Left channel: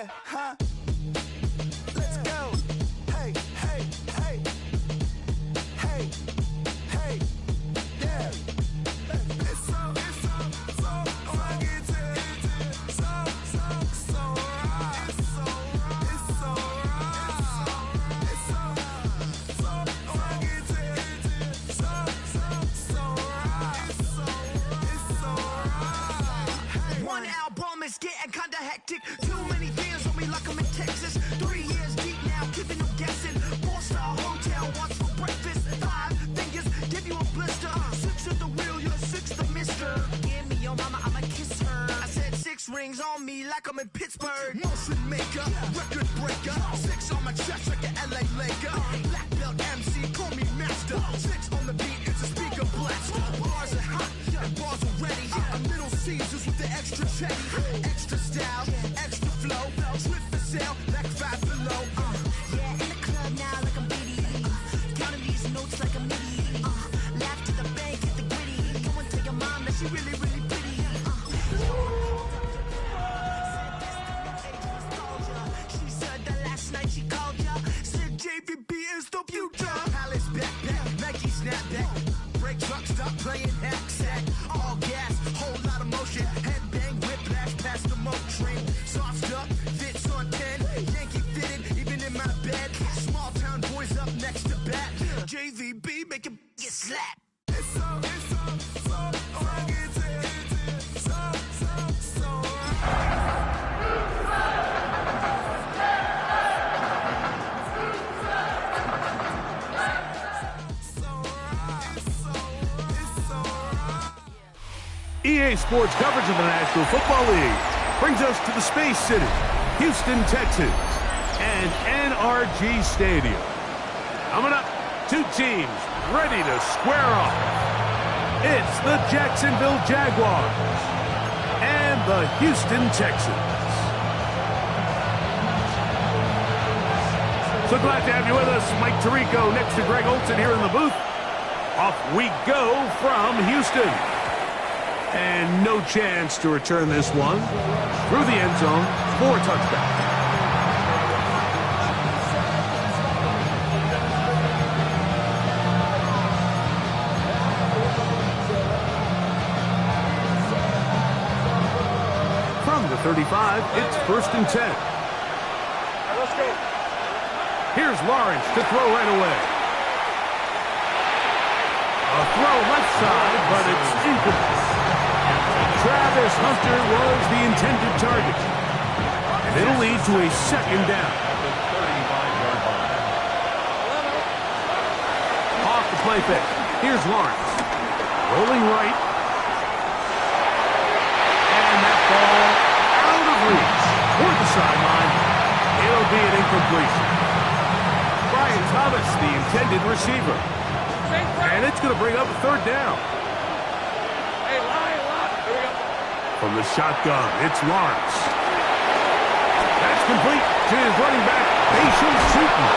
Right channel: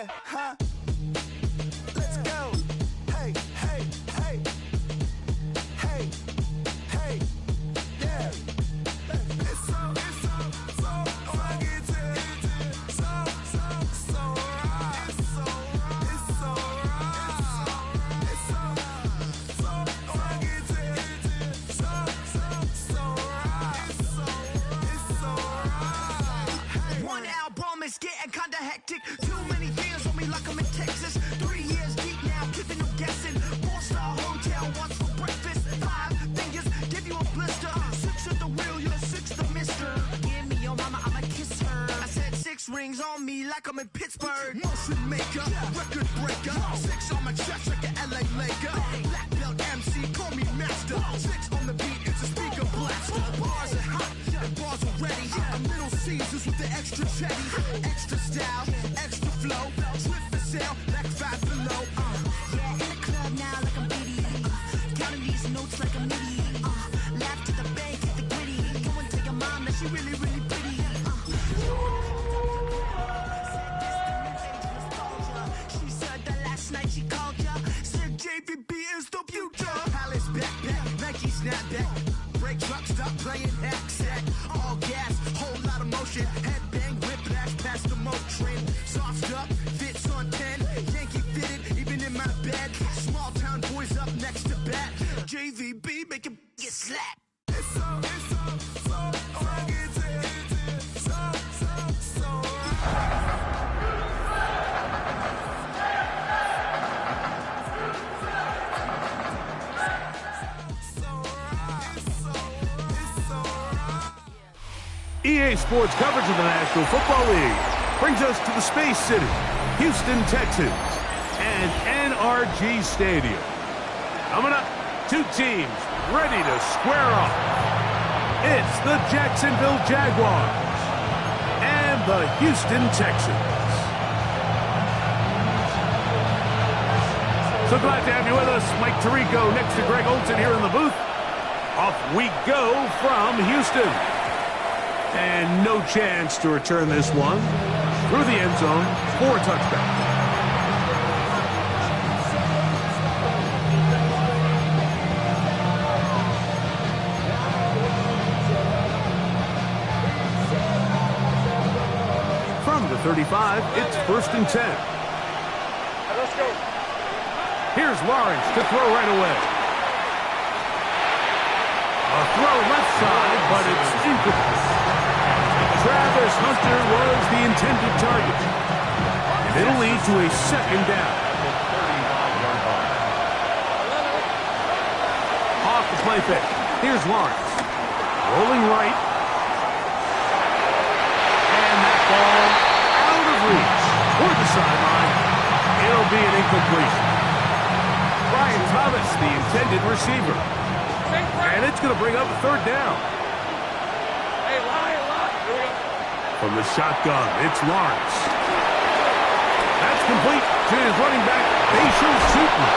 Yeah, huh? Let's go. Hey, hey, hey. Hey, hey, yeah. It's so fucking so right. It's so right. It's so fucking so right. One album is getting kinda hectic. Too many fans on me like I'm in Texas. 3 years deep now, keeping them guessing. 4-star hotel, what's for breakfast? 5 fingers, give you a blister. 6 at the wheel, you're 6 the mister. Give me your mama, I'ma kiss her. I said 6 rings on me like I'm in Pittsburgh. Motion maker, record breaker. 6 on my chest like an LA Laker. Black belt MC, call me master. 6 on the beat, it's a speaker blaster. Bars are hot, and bars are ready. I'm Little Caesars with the extra chetty. Extra style, extra flow. Swift for sale, like 5 below. Yeah, in the club now like I'm Biddy. Counting these notes like a MIDI. Laugh to the bank, hit the gritty. Go and tell your mom that she really, really pretty. She said that last night she called ya. Said JVB is the future. Palace backpack, Nike snapback. Break truck, stop playing hack sack. All gas, whole lot of motion. Headbang, whiplash, past the moat train. Soft stuff, fits on 10. Yankee fitted, even in my bed. Small town boys up next to bat. JVB make it get slapped. It's so fucking so EA Sports coverage of the National Football League brings us to the Space City, Houston, Texas, and NRG Stadium. Coming up, 2 teams ready to square off. It's the Jacksonville Jaguars and the Houston Texans. So glad to have you with us. Mike Tirico next to Greg Olson here in the booth. Off we go from Houston. And no chance to return this one through the end zone for a touchback. From the 35, it's 1st and 10. Let's go. Here's Lawrence to throw right away. A throw left side, but it's incomplete. Travis Hunter was the intended target. And it'll lead to a 2nd down. Off the play fake. Here's Lawrence. Rolling right. And that ball out of reach. Toward the sideline. It'll be an incompletion. Brian Thomas, the intended receiver. And it's going to bring up a 3rd down. Hey, lie. Here we go. From the shotgun, it's Lawrence. That's complete to his running back, Bashal Sutton.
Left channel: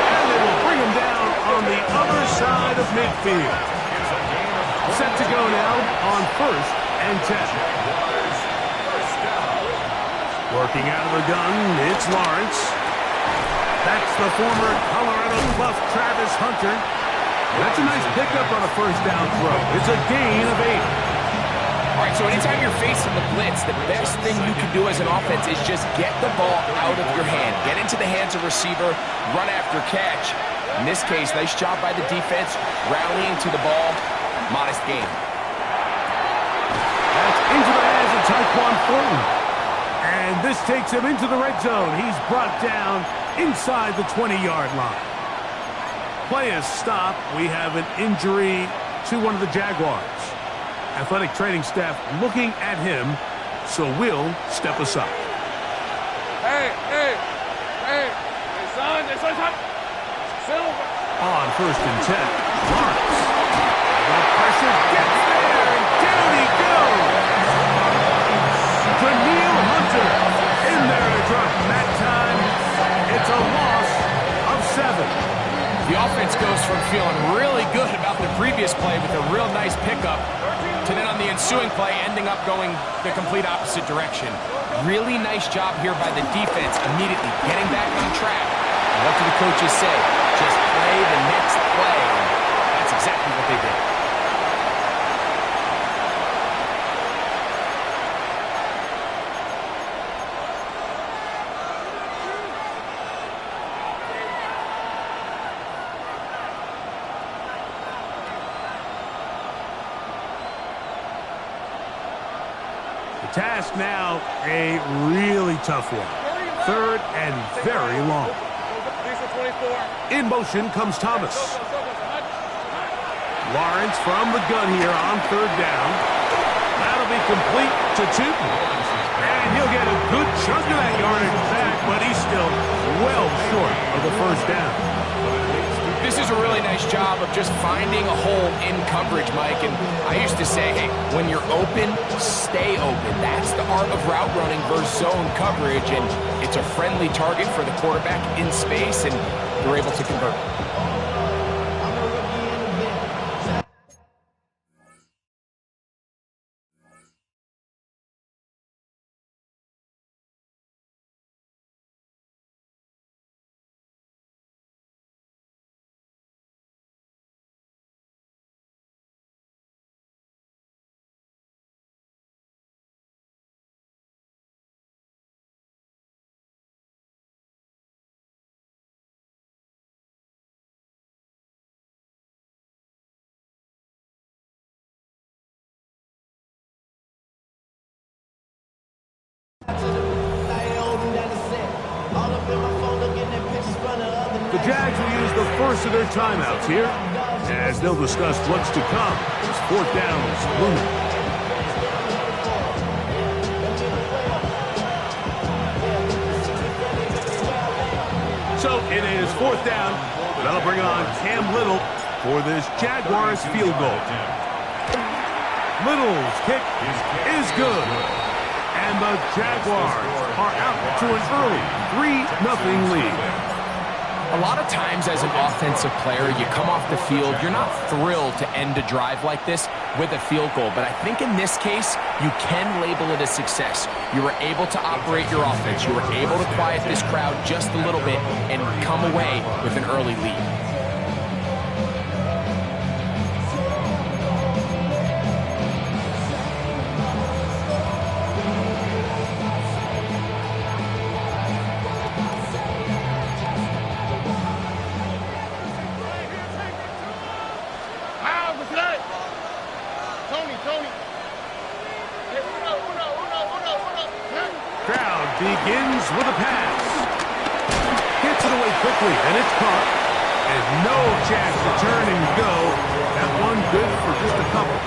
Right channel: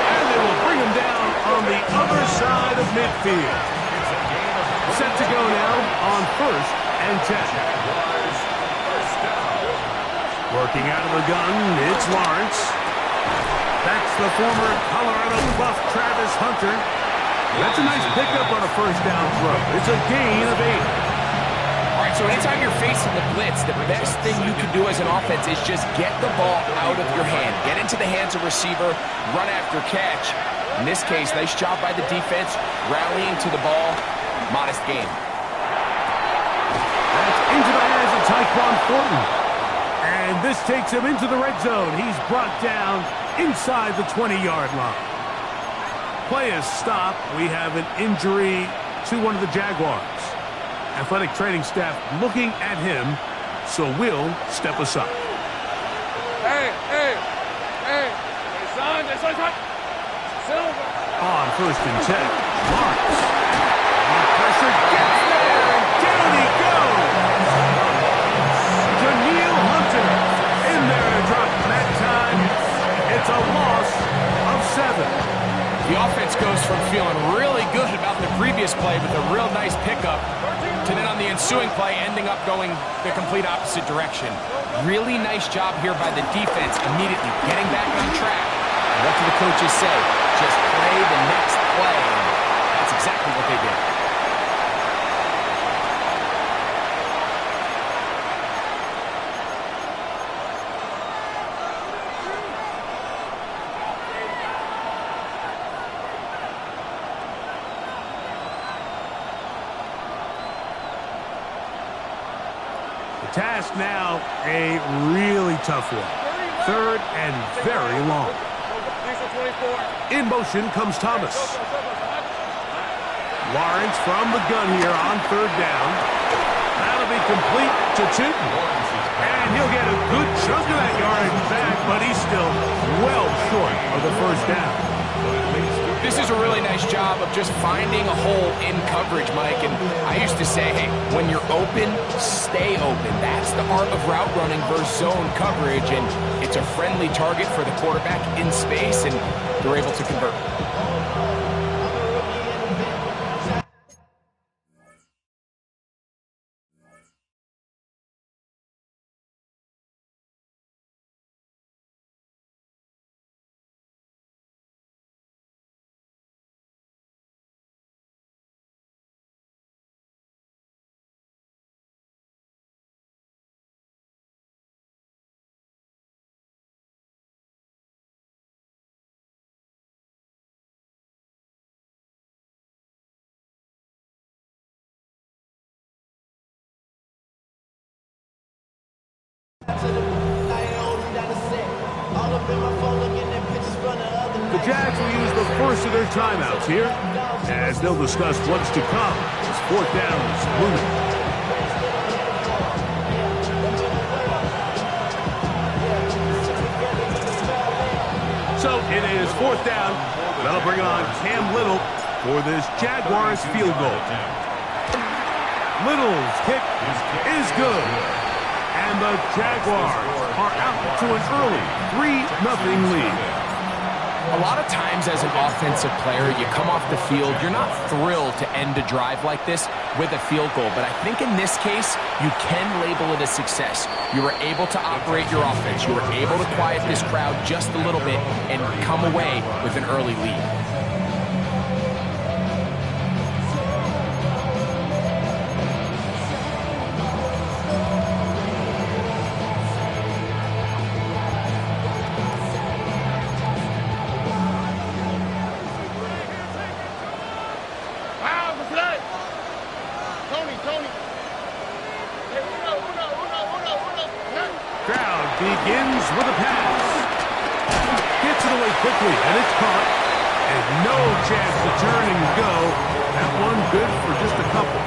And they will bring him down on the other side of midfield. Set to go now on 1st and 10. Working out of the gun, it's Lawrence. That's the former Colorado Buff Travis Hunter. That's a nice pickup on a 1st down throw. It's a gain of 8. All right, so anytime you're facing the blitz, the best thing you can do as an offense is just get the ball out of your hand. Get into the hands of receiver, run after catch. In this case, nice job by the defense, rallying to the ball. Modest game. That's into the hands of Tyquan Thornton. And this takes him into the red zone. He's brought down inside the 20-yard line. Play is stopped. We have an injury to one of the Jaguars. Athletic training staff looking at him, so we'll step aside. Hey, son. Silver. On 1st and 10, Lawrence. The pressure gets there, and down he goes. Danielle Hunter in there to drop that time. It's a loss of 7. The offense goes from feeling really good about the previous play with a real nice pickup to then on the ensuing play ending up going the complete opposite direction. Really nice job here by the defense, immediately getting back on track. And what do the coaches say? Just play the next play. And that's exactly what they did. The task now, a really tough one. Third and very long. In motion comes Thomas. Lawrence from the gun here on third down. That'll be complete to Tootin. And he'll get a good chunk of that yardage back, but he's still well short of the first down. This is a really nice job of just finding a hole in coverage, Mike. And I used to say, hey, when you're open, stay open. That's the art of route running versus zone coverage. And it's a friendly target for the quarterback in space, and they're able to convert. The Jags will use the first of their timeouts here, as they'll discuss what's to come as fourth down is looming. So it is fourth down. They'll bring on Cam Little for this Jaguars field goal. Little's kick is good. And the Jaguars are out to an early 3-0 lead. A lot of times as an offensive player, you come off the field, you're not thrilled to end a drive like this with a field goal. But I think in this case, you can label it a success. You were able to operate your offense. You were able to quiet this crowd just a little bit and come away with an early lead. Crowd begins with a pass. Gets it away quickly, and it's caught. And no chance to turn and go. That one good for just a couple.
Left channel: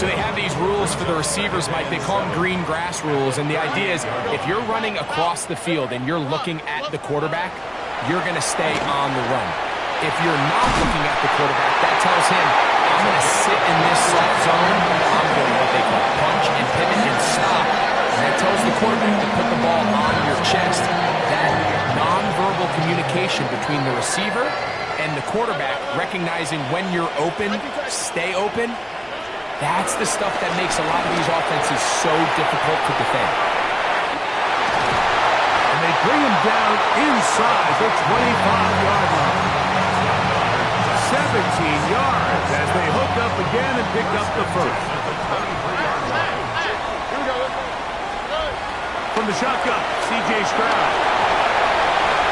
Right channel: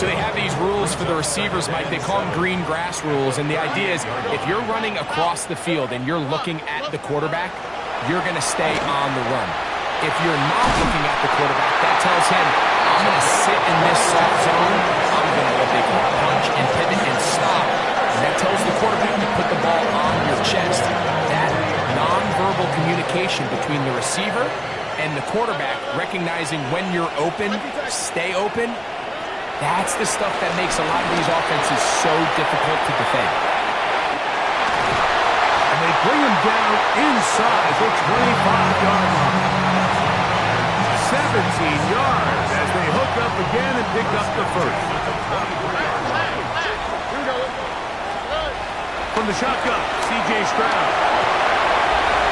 So they have these rules for the receivers, Mike. They call them green grass rules. And the idea is if you're running across the field and you're looking at the quarterback, you're going to stay on the run. If you're not looking at the quarterback, that tells him, I'm going to sit in this soft zone. I'm going to what they call punch and pivot and stop. And that tells the quarterback to put the ball on your chest. That nonverbal communication between the receiver and the quarterback, recognizing when you're open, stay open, that's the stuff that makes a lot of these offenses so difficult to defend. And they bring him down inside the 25-yard line. 17 yards as they hook up again and pick up the first. From the shotgun, C.J. Stroud.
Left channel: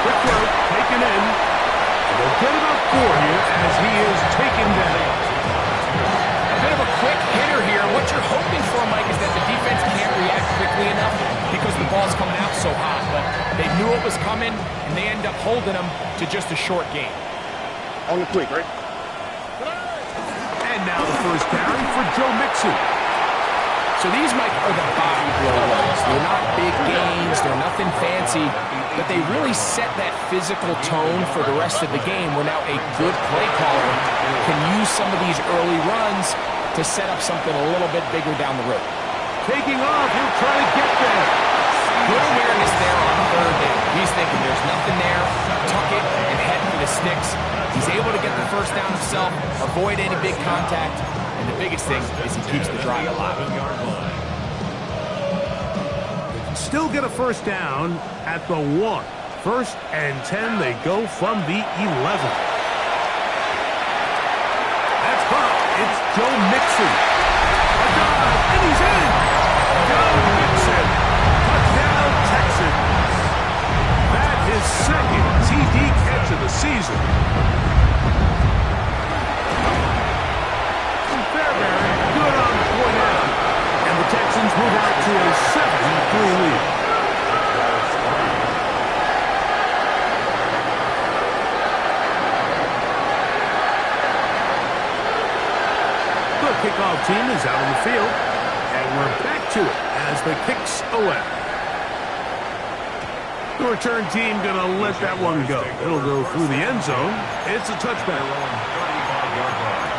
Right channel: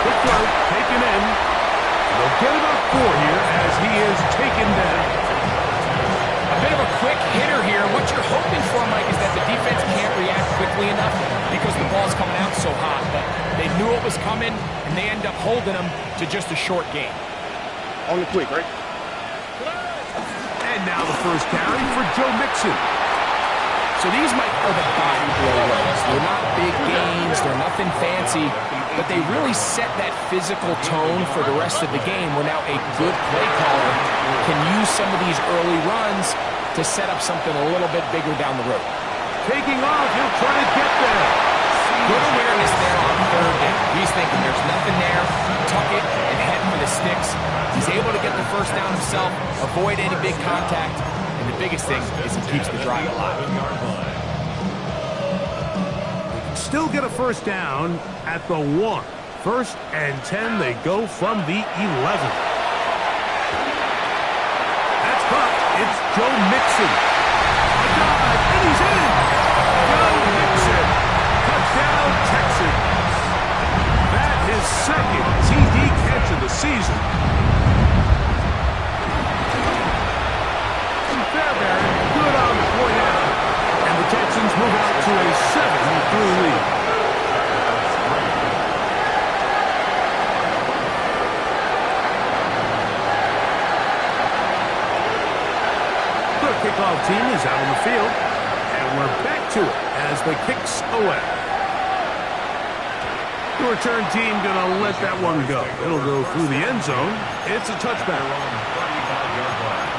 Quick throw, taken in. And they'll get about 4 here as he is taken down. A bit of a quick hitter here. What you're hoping for, Mike, is that the defense can't react quickly enough because the ball's coming out so hot. But they knew it was coming, and they end up holding them to just a short gain. On the quick, right? And now the first carry for Joe Mixon. So these, Mike, are the body blow runs. They're not big gains. They're nothing fancy. But they really set that physical tone for the rest of the game where now a good play caller can use some of these early runs to set up something a little bit bigger down the road. Taking off, he'll try to get there. Good awareness there on third down. He's thinking there's nothing there, tuck it, and head for the sticks. He's able to get the first down himself, avoid any big contact, and And the biggest thing is he keeps the drive alive. Still get a first down at the 1. 1st and 10, they go from the 11. That's caught. It's Joe Mixon. A dive, and he's in. Joe Mixon. Touchdown, Texans. That is second TD catch of the season. Fairbury, good on the point out. And the Texans move out to a 7-3 lead. The kickoff team is out on the field, and we're back to it as the kick's away. The return team going to let that one go. It'll go through the end zone. It's a touchback. 35-yard line.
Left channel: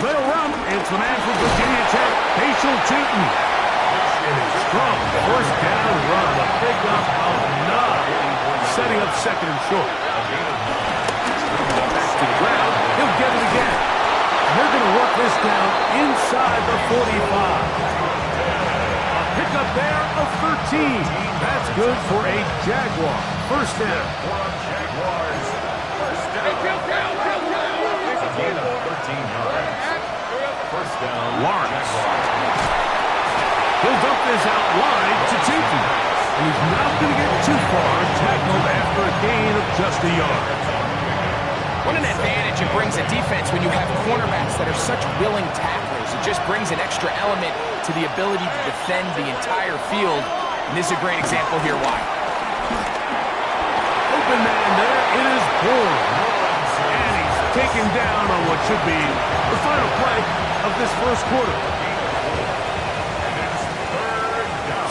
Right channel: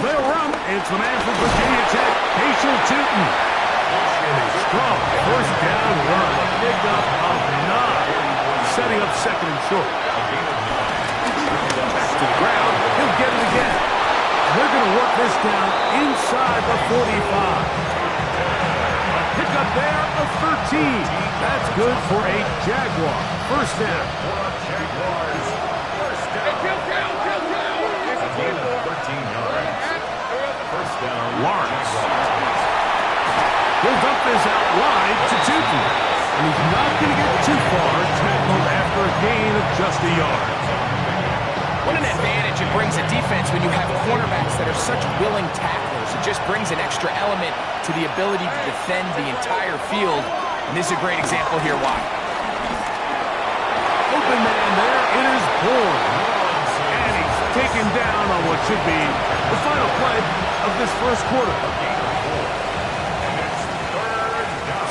They'll run. It's the man from Virginia Tech, Paschal Tootin. And a strong first down run. A pickup of 9. Setting up second and short. Back to the ground. He'll get it again. And they're going to work this down inside the 45. A pickup there of 13. That's good for a Jaguar. First down. Jaguars. First down. Gain of 13 yards. First down. Lawrence. He'll dump this out wide to Tootin. And he's not going to get too far. Tackled after a gain of just a yard. What an advantage it brings a defense when you have cornerbacks that are such willing tacklers. It just brings an extra element to the ability to defend the entire field. And this is a great example here why. Open man there. It is Bourne. And he's taken down on what should be the final play of this first quarter.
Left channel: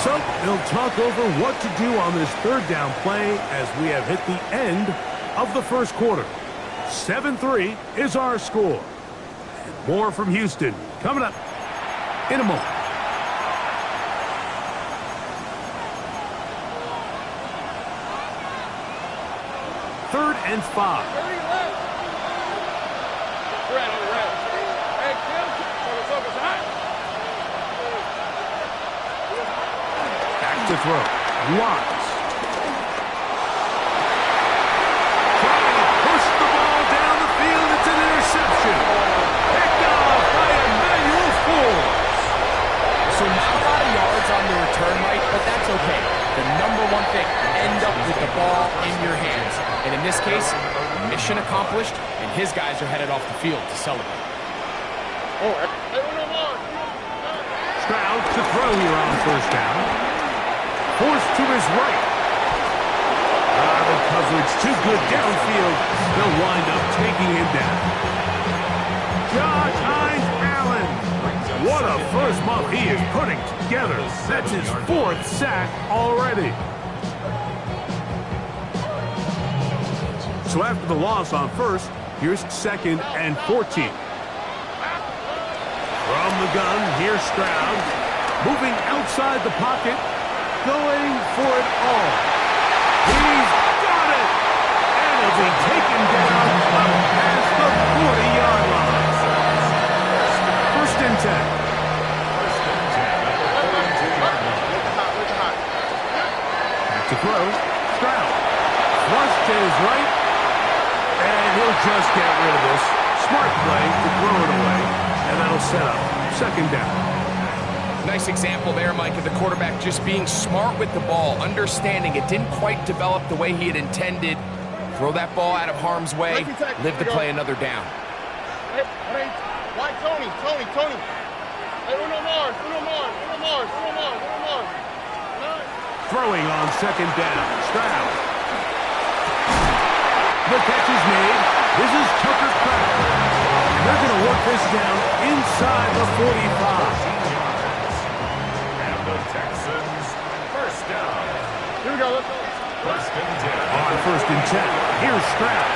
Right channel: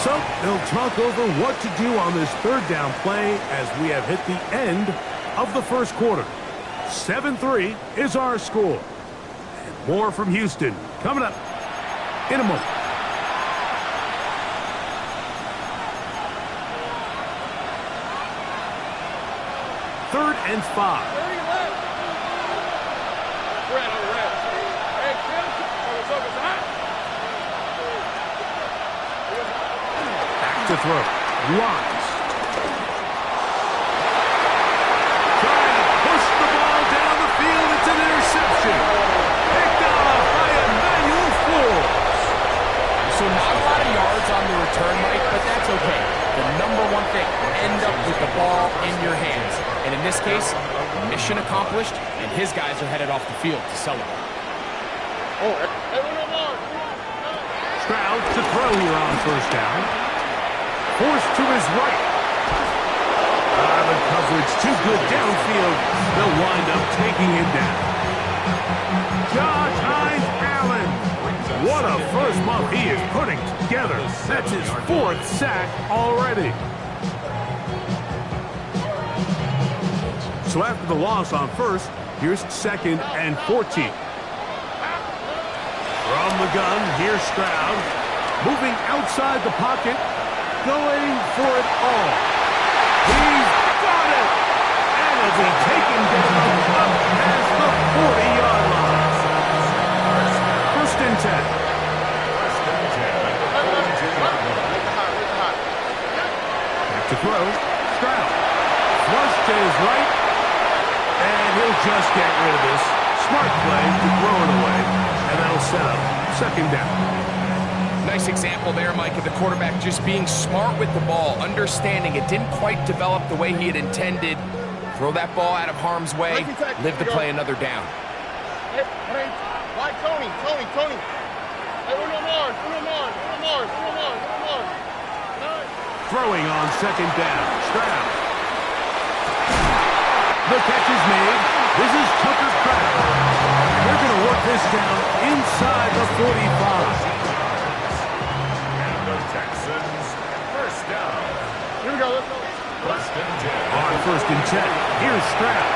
So they'll talk over what to do on this third down play as we have hit the end of the first quarter. 7-3 is our score. And more from Houston coming up in a moment. Third and 5. Back to throw. Lawrence. Trying to push the ball down the field. It's an interception. Picked off by Emmanuel Forbes. So not a lot of yards on the return, Mike, but that's okay. The number one thing, end up with the ball in your hands. And in this case, mission accomplished, and his guys are headed off the field to celebrate. Stroud to throw here on first down. Forced to his right. The coverage too good downfield. They'll wind up taking him down. Josh Hines Allen. What a first month he is putting together. That's his 4th sack already. So after the loss on first, here's 2nd and 14. From the gun, here's Stroud. Moving outside the pocket. Going for it all. He's got it! And he'll be taken down up past the 40-yard line. First and 10. First and 10 at the 42-yard line. Back to throw. Stroud. Flush to his right. And he'll just get rid of this. Smart play to throw it away. And that'll set up second down. Nice example there, Mike, of the quarterback just being smart with the ball, understanding it didn't quite develop the way he had intended. Throw that ball out of harm's way, live to play another down. Why Tony? Hey, Uno Mars. Throwing on second down. Stroud. The catch is made. This is Tucker Kraft. And they're going to work this down inside the 45. And the Texans, first down. Here we go, let's go. First and 10. On 1st and 10, here's Stroud.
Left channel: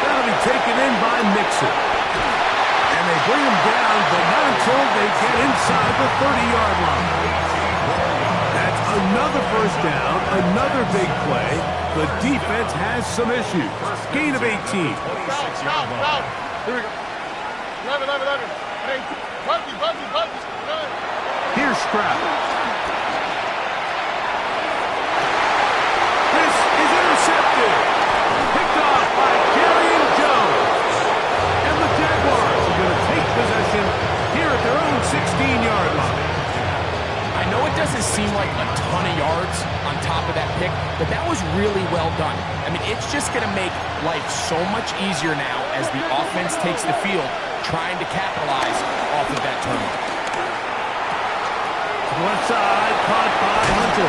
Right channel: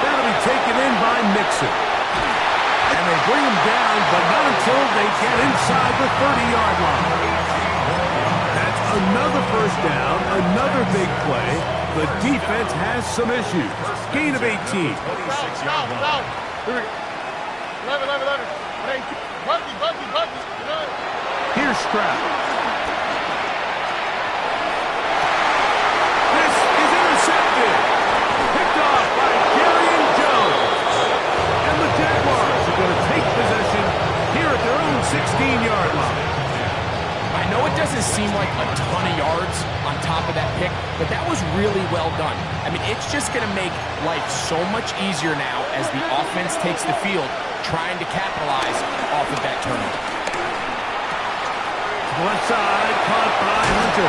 That'll be taken in by Mixon. And they bring him down, but not until they get inside the 30-yard line. That's another first down, another big play. The defense has some issues. Gain of 18. 26-yard line. Here we go. 11. Hey, Buggy. Here's Stroud. This is intercepted. Picked off by Jerry Jones. And the Jaguars are going to take possession here at their own 16-yard line. I know it doesn't seem like a ton of yards on top of that pick, but that was really well done. I mean, it's just going to make life so much easier now as the offense takes the field, trying to capitalize off of that turnover. Left side, caught by Hunter.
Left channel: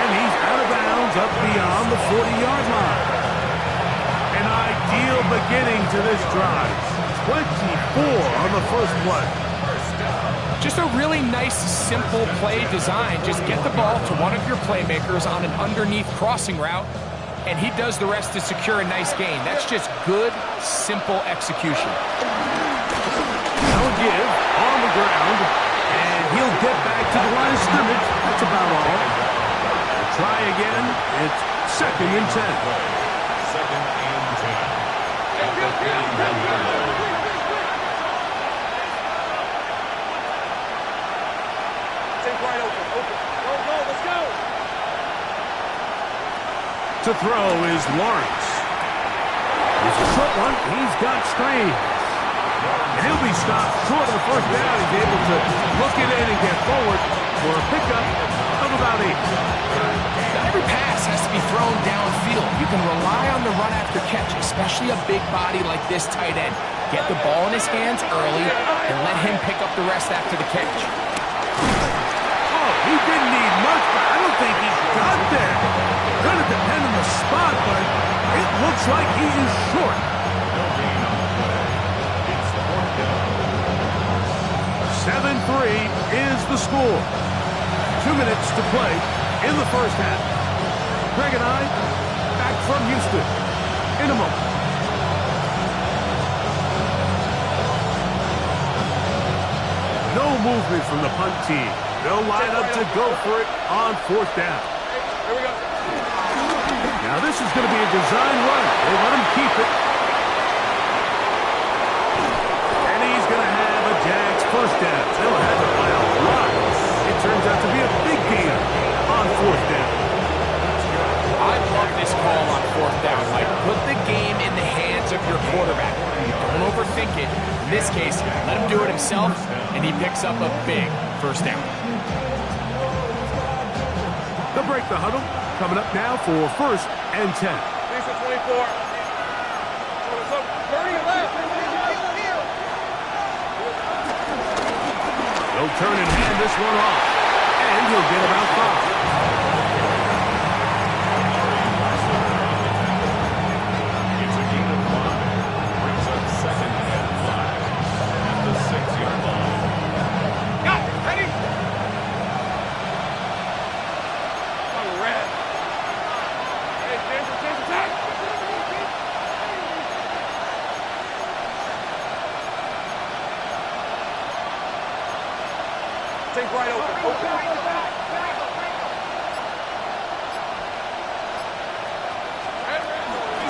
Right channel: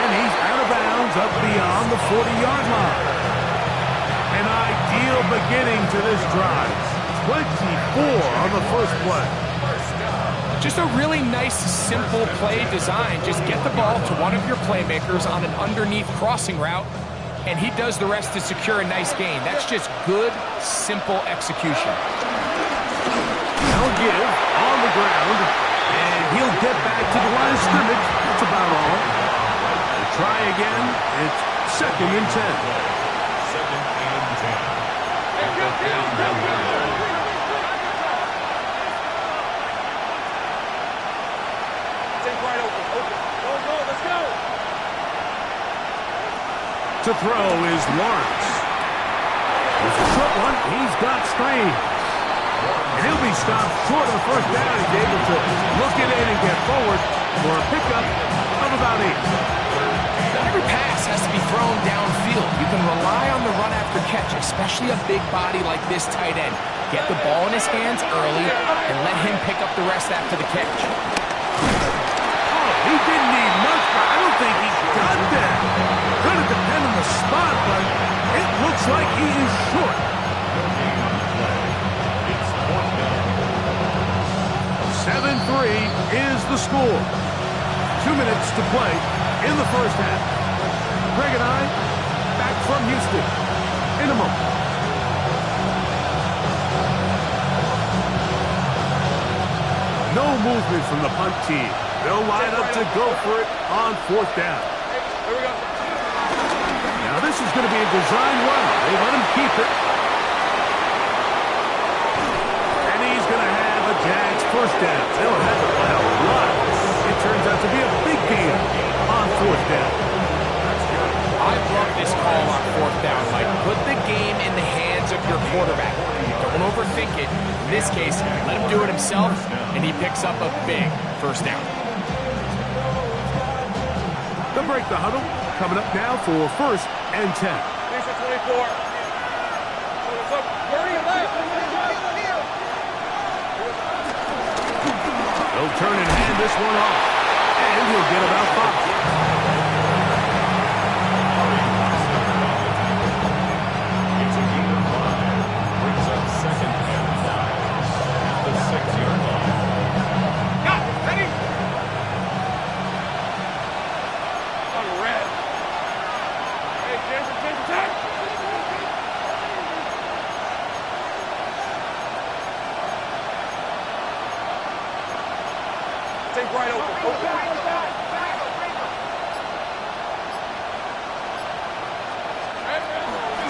And he's out of bounds up beyond the 40-yard line. An ideal beginning to this drive. 24 on the first play. Just a really nice, simple play design. Just get the ball to one of your playmakers on an underneath crossing route, and he does the rest to secure a nice gain. That's just good, simple execution. Now a give on the ground, and he'll get back to the line of scrimmage. That's about all. We'll try again. It's 2nd and 10. 2nd and 10. At the 31-yard line. Wide open. Go, let's go. To throw is Lawrence. There's a short one. He's got Strange. And he'll be stopped short of the first down. He's able to look it in and get forward for a pickup of about 8. Not every pass has to be thrown downfield. You can rely on the run after catch, especially a big body like this tight end. Get the ball in his hands early and let him pick up the rest after the catch. He didn't need much, but I don't think he got there. Going to depend on the spot, but it looks like he is short. No gain on the play. It's 4th down. 7-3 is the score. 2 minutes to play in the first half. Greg and I back from Houston in a moment. No movement from the punt team. They'll line up to go for it on 4th down. Here we go. Now this is going to be a design run. They let him keep it. And he's going to have a Jags first down. They'll have it by a lot. It turns out to be a big gain on 4th down. I love this call on 4th down, Mike. Put the game in the hands of your quarterback. Don't overthink it. In this case, let him do it himself, and he picks up a big first down. They'll break the huddle. Coming up now for 1st and 10. Thanks for 24. They'll turn and hand this one off. And he'll get about 5. It's a gain of 5. Brings up 2nd and 5. At the 6-yard line. Got it. Ready? On red. Hey, change attack. Take right open.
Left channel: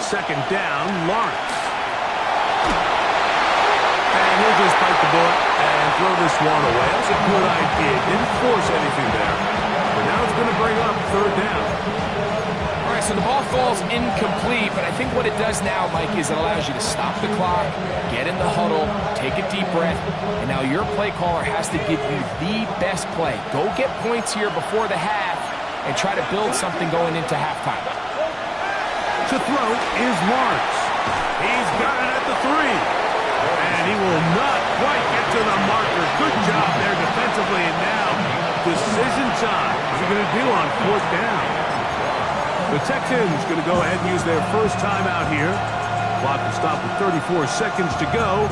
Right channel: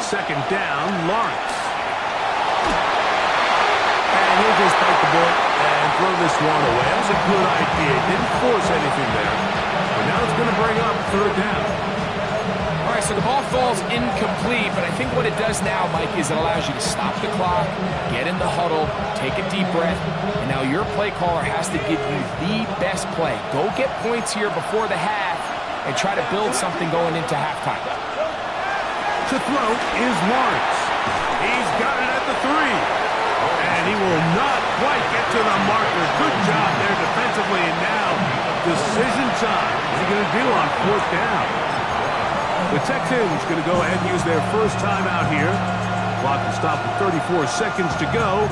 Second down, Lawrence. And he'll just bite the bullet and throw this one away. That was a good idea. Didn't force anything there. But now it's going to bring up 3rd down. All right, so the ball falls incomplete, but I think what it does now, Mike, is it allows you to stop the clock, get in the huddle, take a deep breath, and now your play caller has to give you the best play. Go get points here before the half and try to build something going into halftime. To throw is Lawrence. He's got it at the 3. And he will not quite get to the marker. Good job there defensively. And now, decision time. What's he going to do on 4th down? The Texans going to go ahead and use their first timeout here. Clock will stop with 34 seconds to go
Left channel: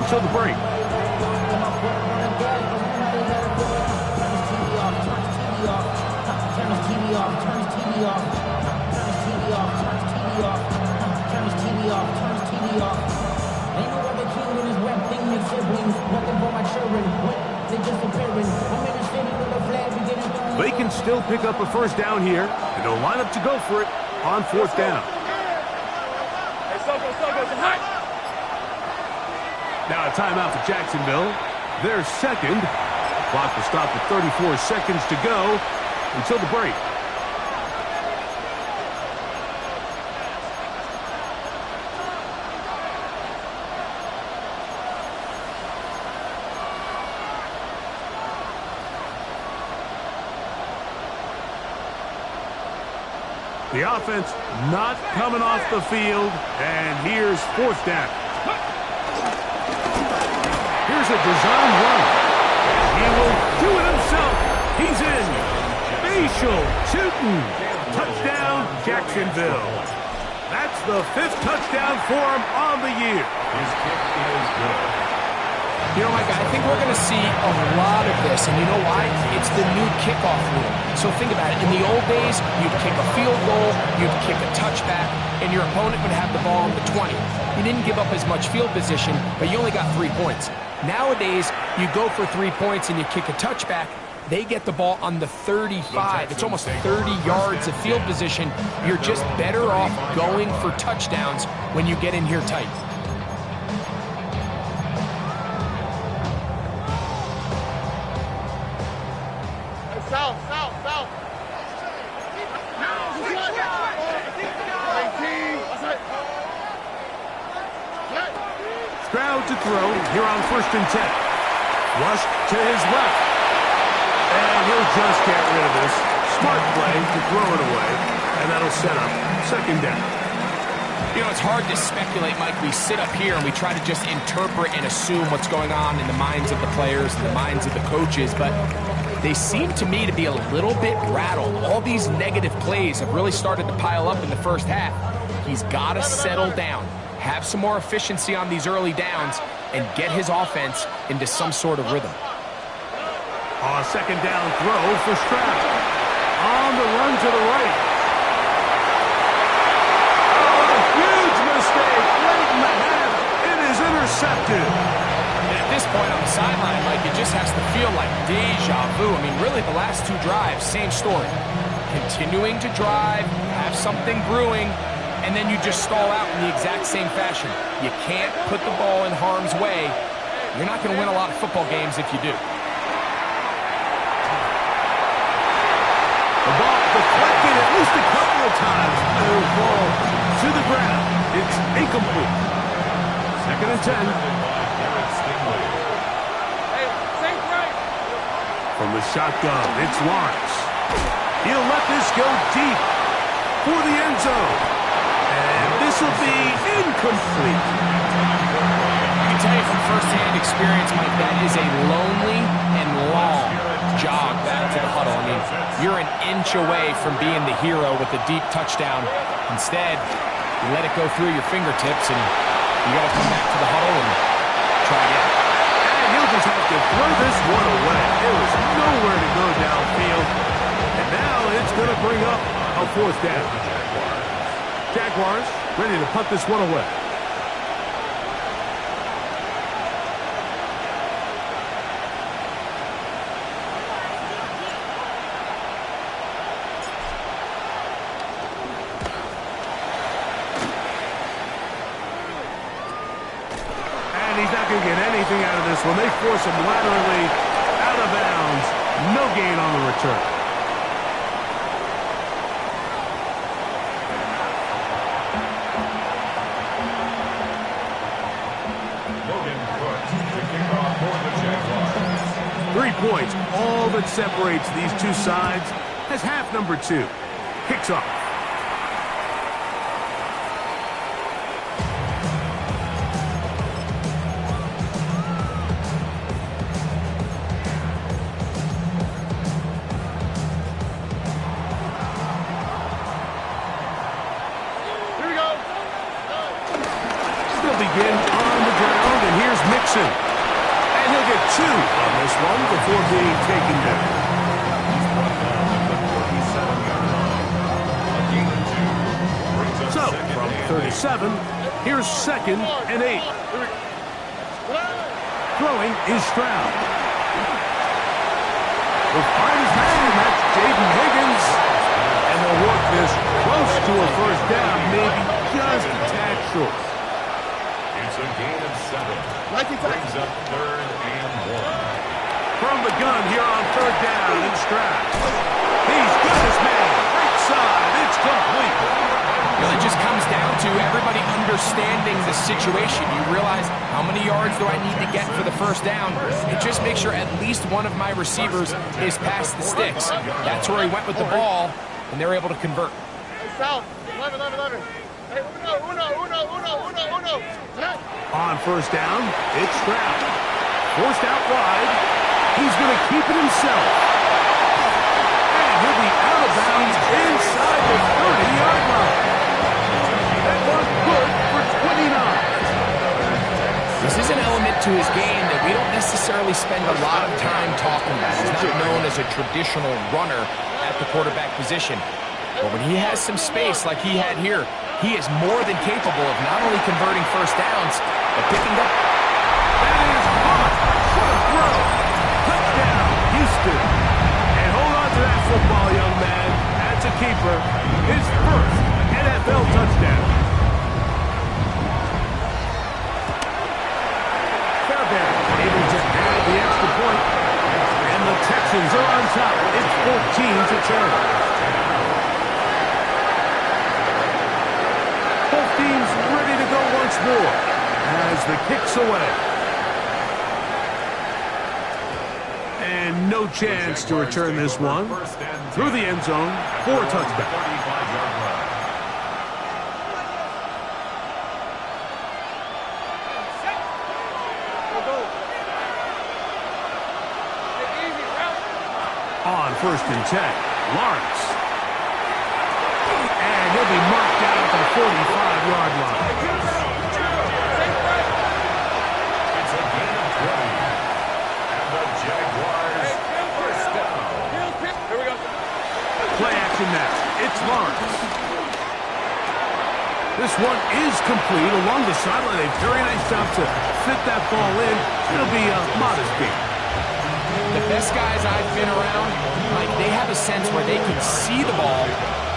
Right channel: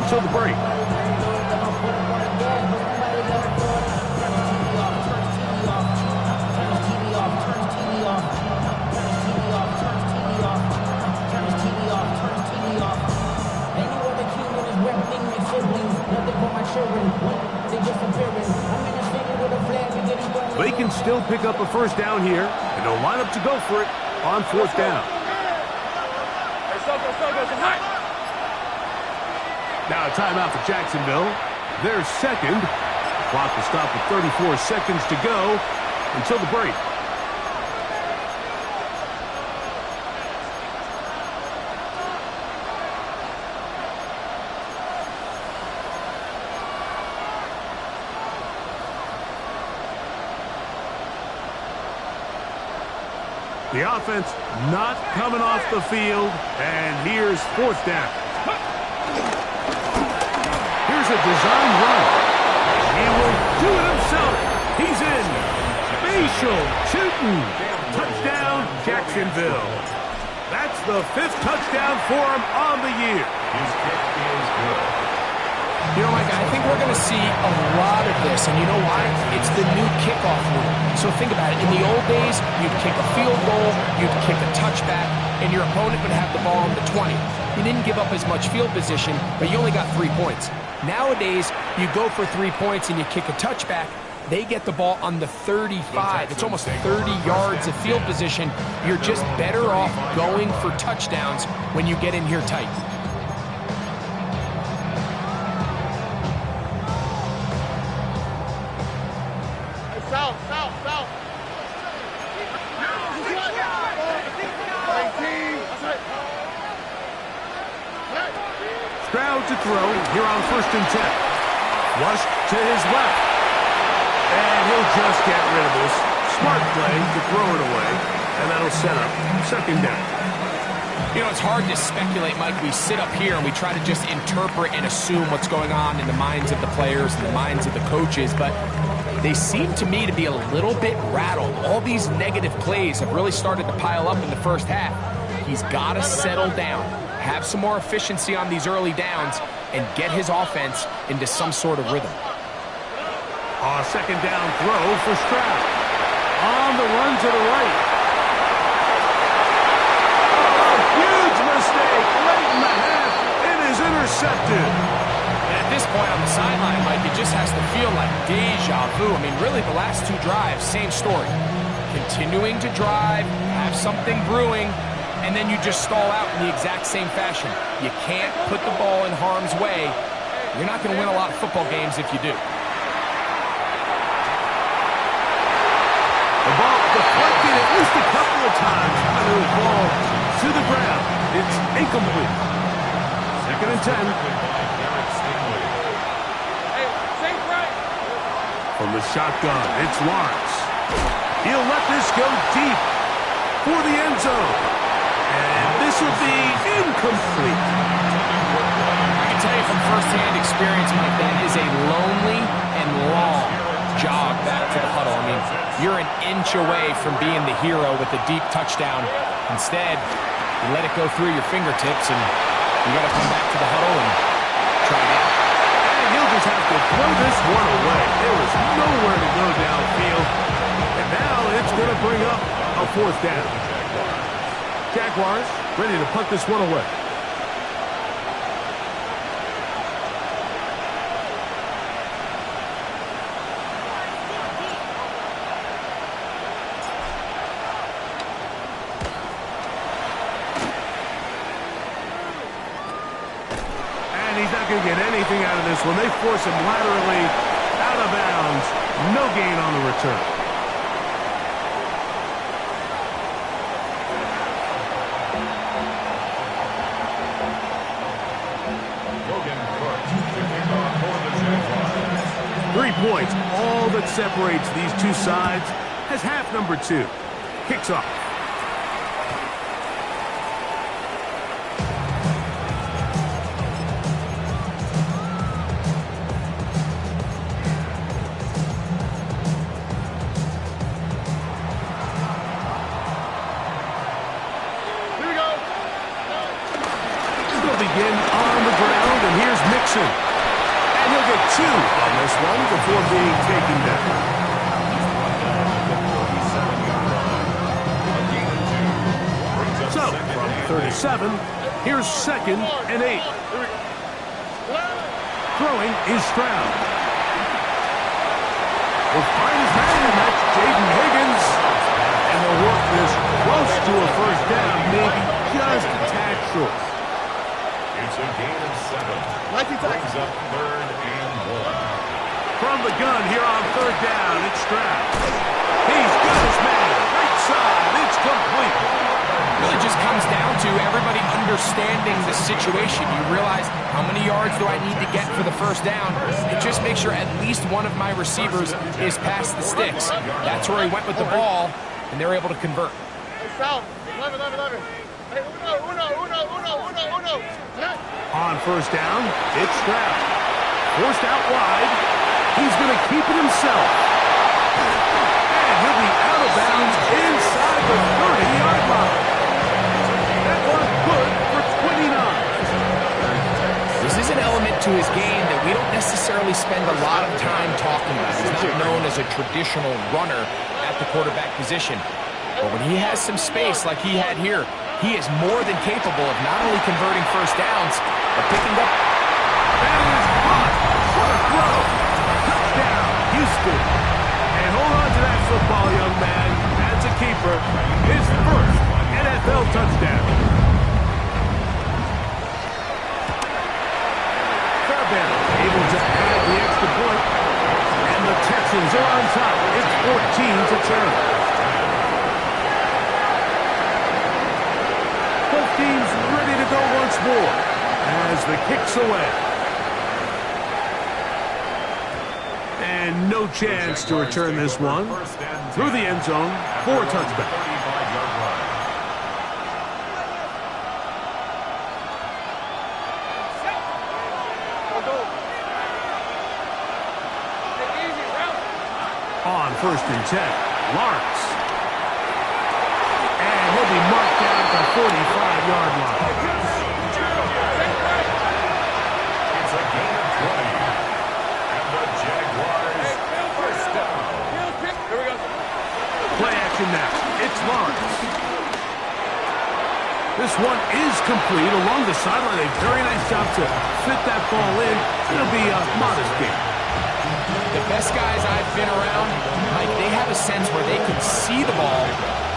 until the break. Turn the TV off. turns TV off. Ain't no other king with his rep thing, they siblings. Nothing for my children. What? They disappearing. I'm in a city with a flag beginning thrown. They can still pick up a first down here, and they'll line up to go for it on fourth down. Hey, Soko, come on. Now a timeout for Jacksonville. Their second. The clock will stop with 34 seconds to go until the break. The offense not coming off the field, and here's fourth down. Here's a design run. He will do it himself. He's in. Facial shooting. Touchdown, Jacksonville. That's the 5th touchdown for him on the year. His kick is good. You know, Mike, I think we're going to see a lot of this, and you know why? It's the new kickoff rule. So think about it. In the old days, you'd kick a field goal, you'd kick a touchback, and your opponent would have the ball on the 20. You didn't give up as much field position, but you only got 3 points. Nowadays, you go for 3 points and you kick a touchback, they get the ball on the 35. It's almost 30 yards of field position. You're just better off going for touchdowns when you get in here tight. South. Stroud to throw here on 1st and 10. Flush to his left. And he'll just get rid of this. Smart play to throw it away. And that'll set up 2nd down. You know, it's hard to speculate, Mike. We sit up here and we try to just interpret and assume what's going on in the minds of the players and the minds of the coaches, but they seem to me to be a little bit rattled. All these negative plays have really started to pile up in the first half. He's got to settle down, have some more efficiency on these early downs, and get his offense into some sort of rhythm. A 2nd down throw for Stroud. On the run to the right. Oh, huge mistake late in the half. It is intercepted. And at this point on the sideline, Mike, it just has to feel like deja vu. I mean, really, the last 2 drives, same story. Continuing to drive, have something brewing, and then you just stall out in the exact same fashion. You can't put the ball in harm's way. You're not going to win a lot of football games if you do. The ball deflected at least a couple of times, and it will fall to the ground. It's incomplete. 2nd and 10. Hey, think right. From the shotgun, it's Lawrence. He'll let this go deep for the end zone. And this will be incomplete. I can tell you from firsthand experience, Mike, that is a lonely and long jog back to the huddle. I mean, you're an inch away from being the hero with a deep touchdown. Instead, you let it go through your fingertips, and you got to come back to the huddle and try again. And he'll just have to throw this one away. There was nowhere to go downfield. And now it's going to bring up a 4th down. Jaguars ready to punt this one away. And he's not going to get anything out of this one. They force him laterally out of bounds. No gain on the return. Logan Cooke to kick off for the Jaguars. 3 points, all that separates these two sides, as half number 2 kicks off. Begin on the ground, and here's Mixon. And he'll get 2 on this one before being taken down. He's brought down at the 37-yard line. A gain of 2 brings up So So, from 37, here's 2nd and 8. Throwing is Stroud. He'll find his man, and that's Jaden Higgins. And they'll work this close to a first down, maybe just a tad short. It's a gain of 7. Brings up 3rd and 1. From the gun here on 3rd down, it's Stroud. He's got his man. Right side. It's complete. Really just comes down to everybody understanding the situation. You realize how many yards do I need to get for the first down, and just make sure at least one of my receivers is past the sticks. That's where he went with the ball, and they're able to convert. On first down, it's Stroud. Forced out wide. He's going to keep it himself. And he'll be out of bounds inside the 30-yard line. That was good for 29. This is an element to his game that we don't necessarily spend a lot of time talking about. He's not known as a traditional runner at the quarterback position. But when he has some space like he had here, he is more than capable of not only converting first downs, but picking up. That is caught. What a throw. Touchdown, Houston. And hold on to that football, young man. That's a keeper. His first NFL touchdown. Fairbairn able to add the extra point. And the Texans are on top. It's 14-10. Both teams ready to go once more as the kick's away. And no chance to return this one through the end zone for a touchback. 35-yard run. On 1st and 10, Lawrence. And he'll be marked down at the 45-yard line. It's a gain of 20. And the Jaguars first down. Here we go. Play action now. It's Lawrence. This one is complete along the sideline. A very nice job to fit that ball in. It'll be a modest gain. The best guys I've been around, Mike, they have a sense where they can see the ball,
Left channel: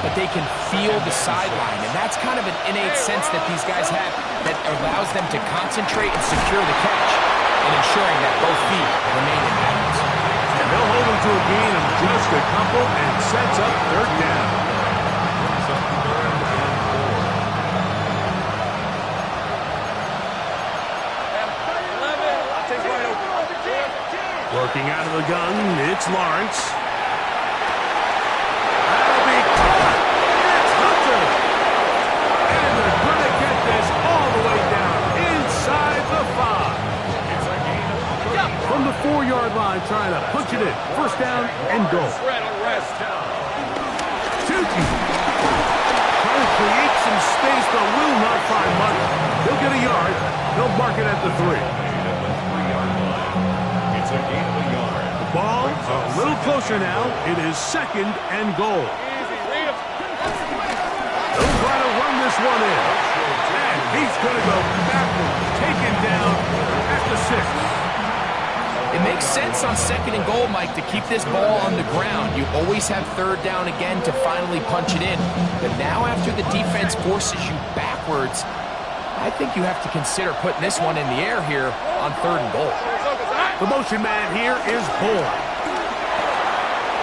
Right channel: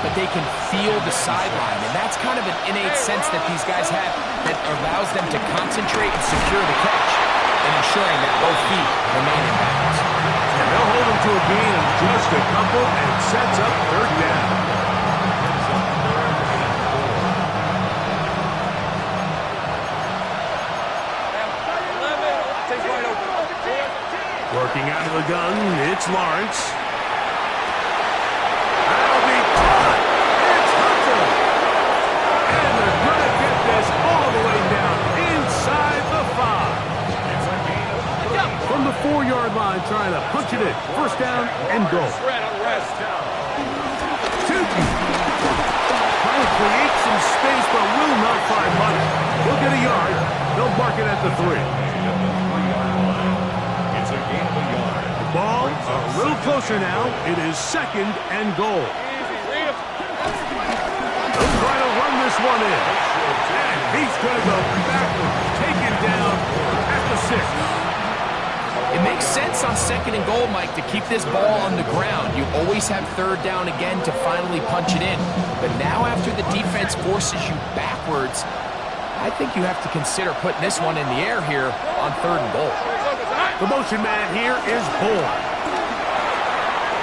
but they can feel the sideline. And that's kind of an innate sense that these guys have that allows them to concentrate and secure the catch and ensuring that both feet remain in balance. And they'll hold him to a gain of just a couple and sets up 3rd down. Brings up 3rd and 4. Take right open. Working out of the gun, it's Lawrence. That'll be caught. It's Hunter. And they're going to get this all the way down inside the 5. It's a gain of 3. From the 4-yard line, trying to punch it in. First down and goal. Rest down. Tucci trying to create some space, but will not find much. He'll get a yard. They'll mark it at the 3. At the 3-yard line. It's a gain of a yard. The ball a little closer now. It is 2nd and goal. They'll try to run this one in. And he's going to go backwards, taken down at the 6. It makes sense on 2nd and goal, Mike, to keep this ball on the ground. You always have 3rd down again to finally punch it in. But now after the defense forces you backwards, I think you have to consider putting this one in the air here on 3rd and goal. The motion man here is Bourne.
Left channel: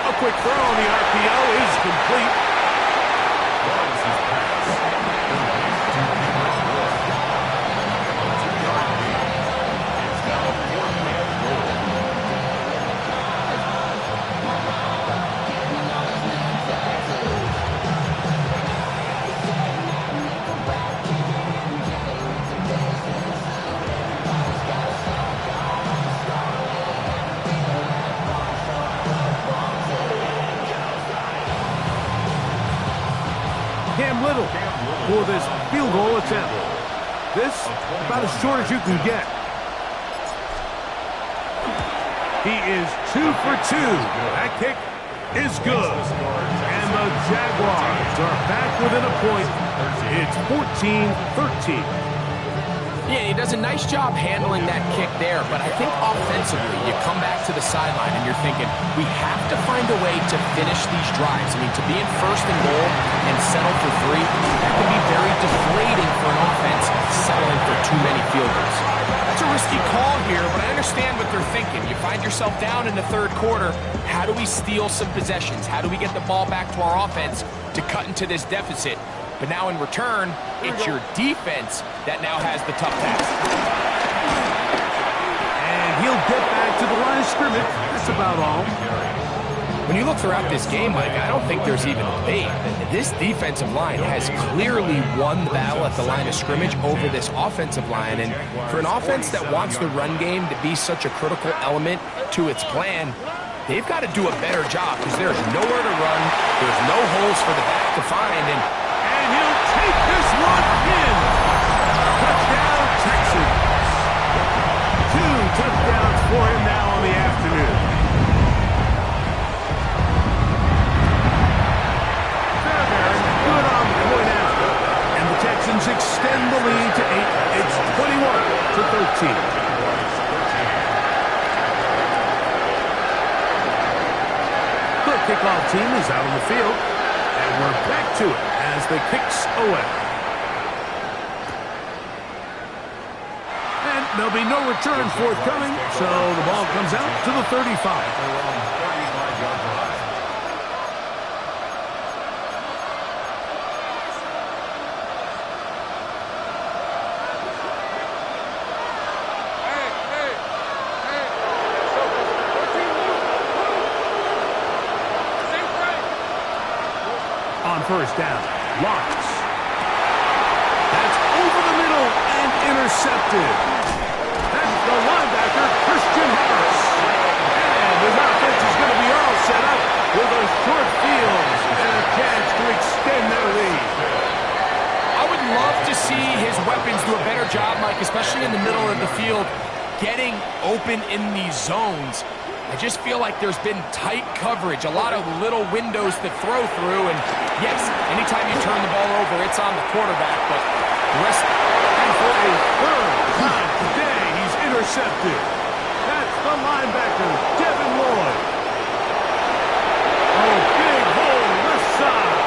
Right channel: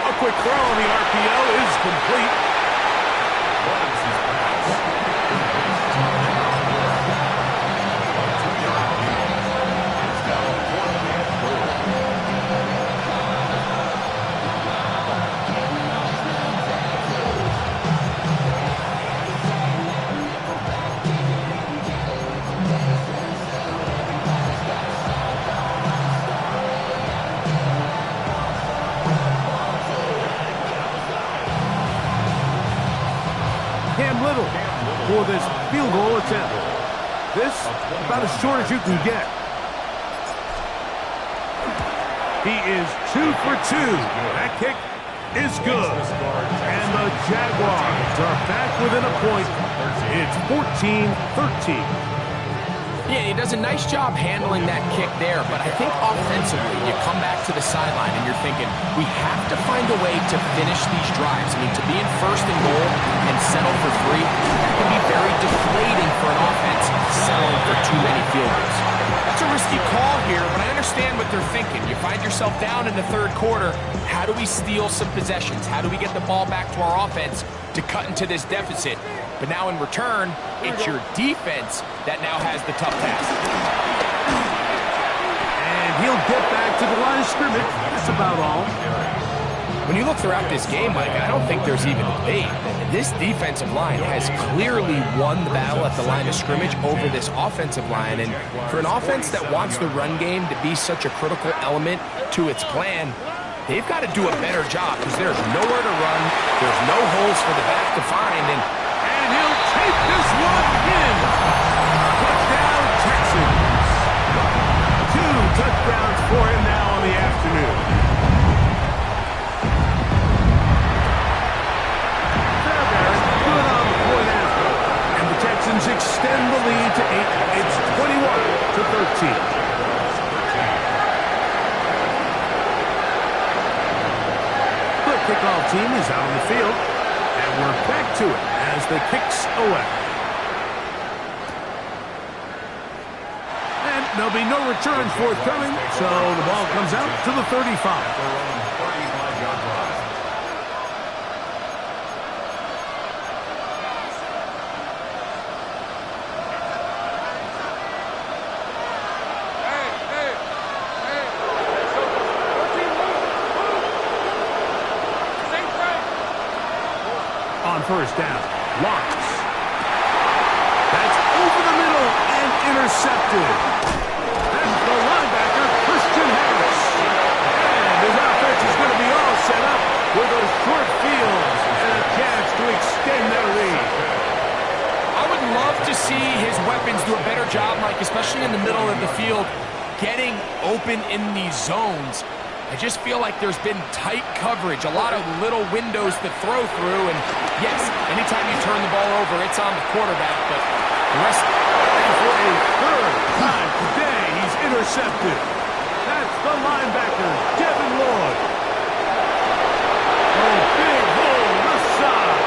A quick throw on the RPO is complete. Lawrence's pass is based to number 4. A 2-yard gain. It's now 4th and goal. Cam Little for this field goal attempt. This about as short as you can get. He is 2 for 2. That kick is good. And the Jaguars are back within a point It's 14-13. Yeah, he does a nice job handling that kick there, but I think offensively, you come back to the sideline and you're thinking, we have to find a way to finish these drives. I mean, to be in first and goal and settle for 3, that can be very deflating for an offense settling for too many field goals. That's a risky call here, but I understand what they're thinking. You find yourself down in the third quarter. How do we steal some possessions? How do we get the ball back to our offense to cut into this deficit? But now in return, it's your defense that now has the tough task. And he'll get back to the line of scrimmage. That's about all. When you look throughout this game, Mike, I don't think there's even a debate. This defensive line has clearly won the battle at the line of scrimmage over this offensive line. And for an offense that wants the run game to be such a critical element to its plan, they've got to do a better job because there's nowhere to run. There's no holes for the back to find. And he'll take this one in. Touchdown, Texans. 2 touchdowns for him now on the afternoon. Fairbairn good on the point after. And the Texans extend the lead to 8. It's 21-13. The kickoff team is out on the field. And we're back to it as the kicks away. And there'll be no return forthcoming, so the ball comes out to the 35. Their own 35-yard line. On first down, Lawrence. That's over the middle and intercepted. That's the linebacker, Christian Harris. And his offense is going to be all set up with a short field and a chance to extend their lead. I would love to see his weapons do a better job, Mike, especially in the middle of the field, getting open in these zones. I just feel like there's been tight coverage, a lot of little windows to throw through, and yes, anytime you turn the ball over, it's on the quarterback, but the rest... And for a third time today, he's intercepted. That's the linebacker, Devin Lloyd. Oh, big hole left side.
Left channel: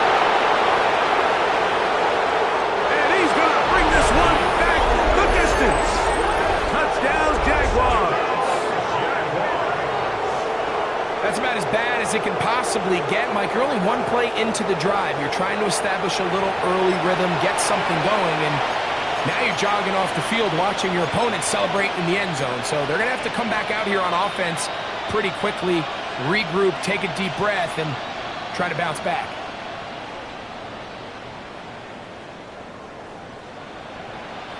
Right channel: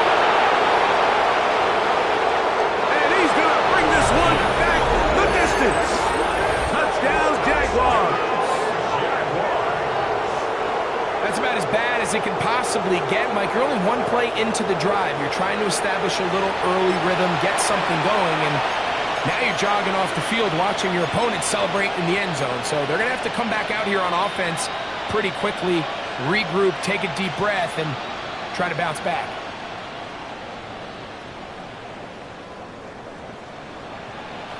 And he's going to bring this one back the distance. Touchdown, Jaguars. That's about as bad as it can possibly get, Mike. You're only one play into the drive. You're trying to establish a little early rhythm, get something going, and now you're jogging off the field watching your opponent celebrate in the end zone. So they're going to have to come back out here on offense pretty quickly, regroup, take a deep breath, and try to bounce back.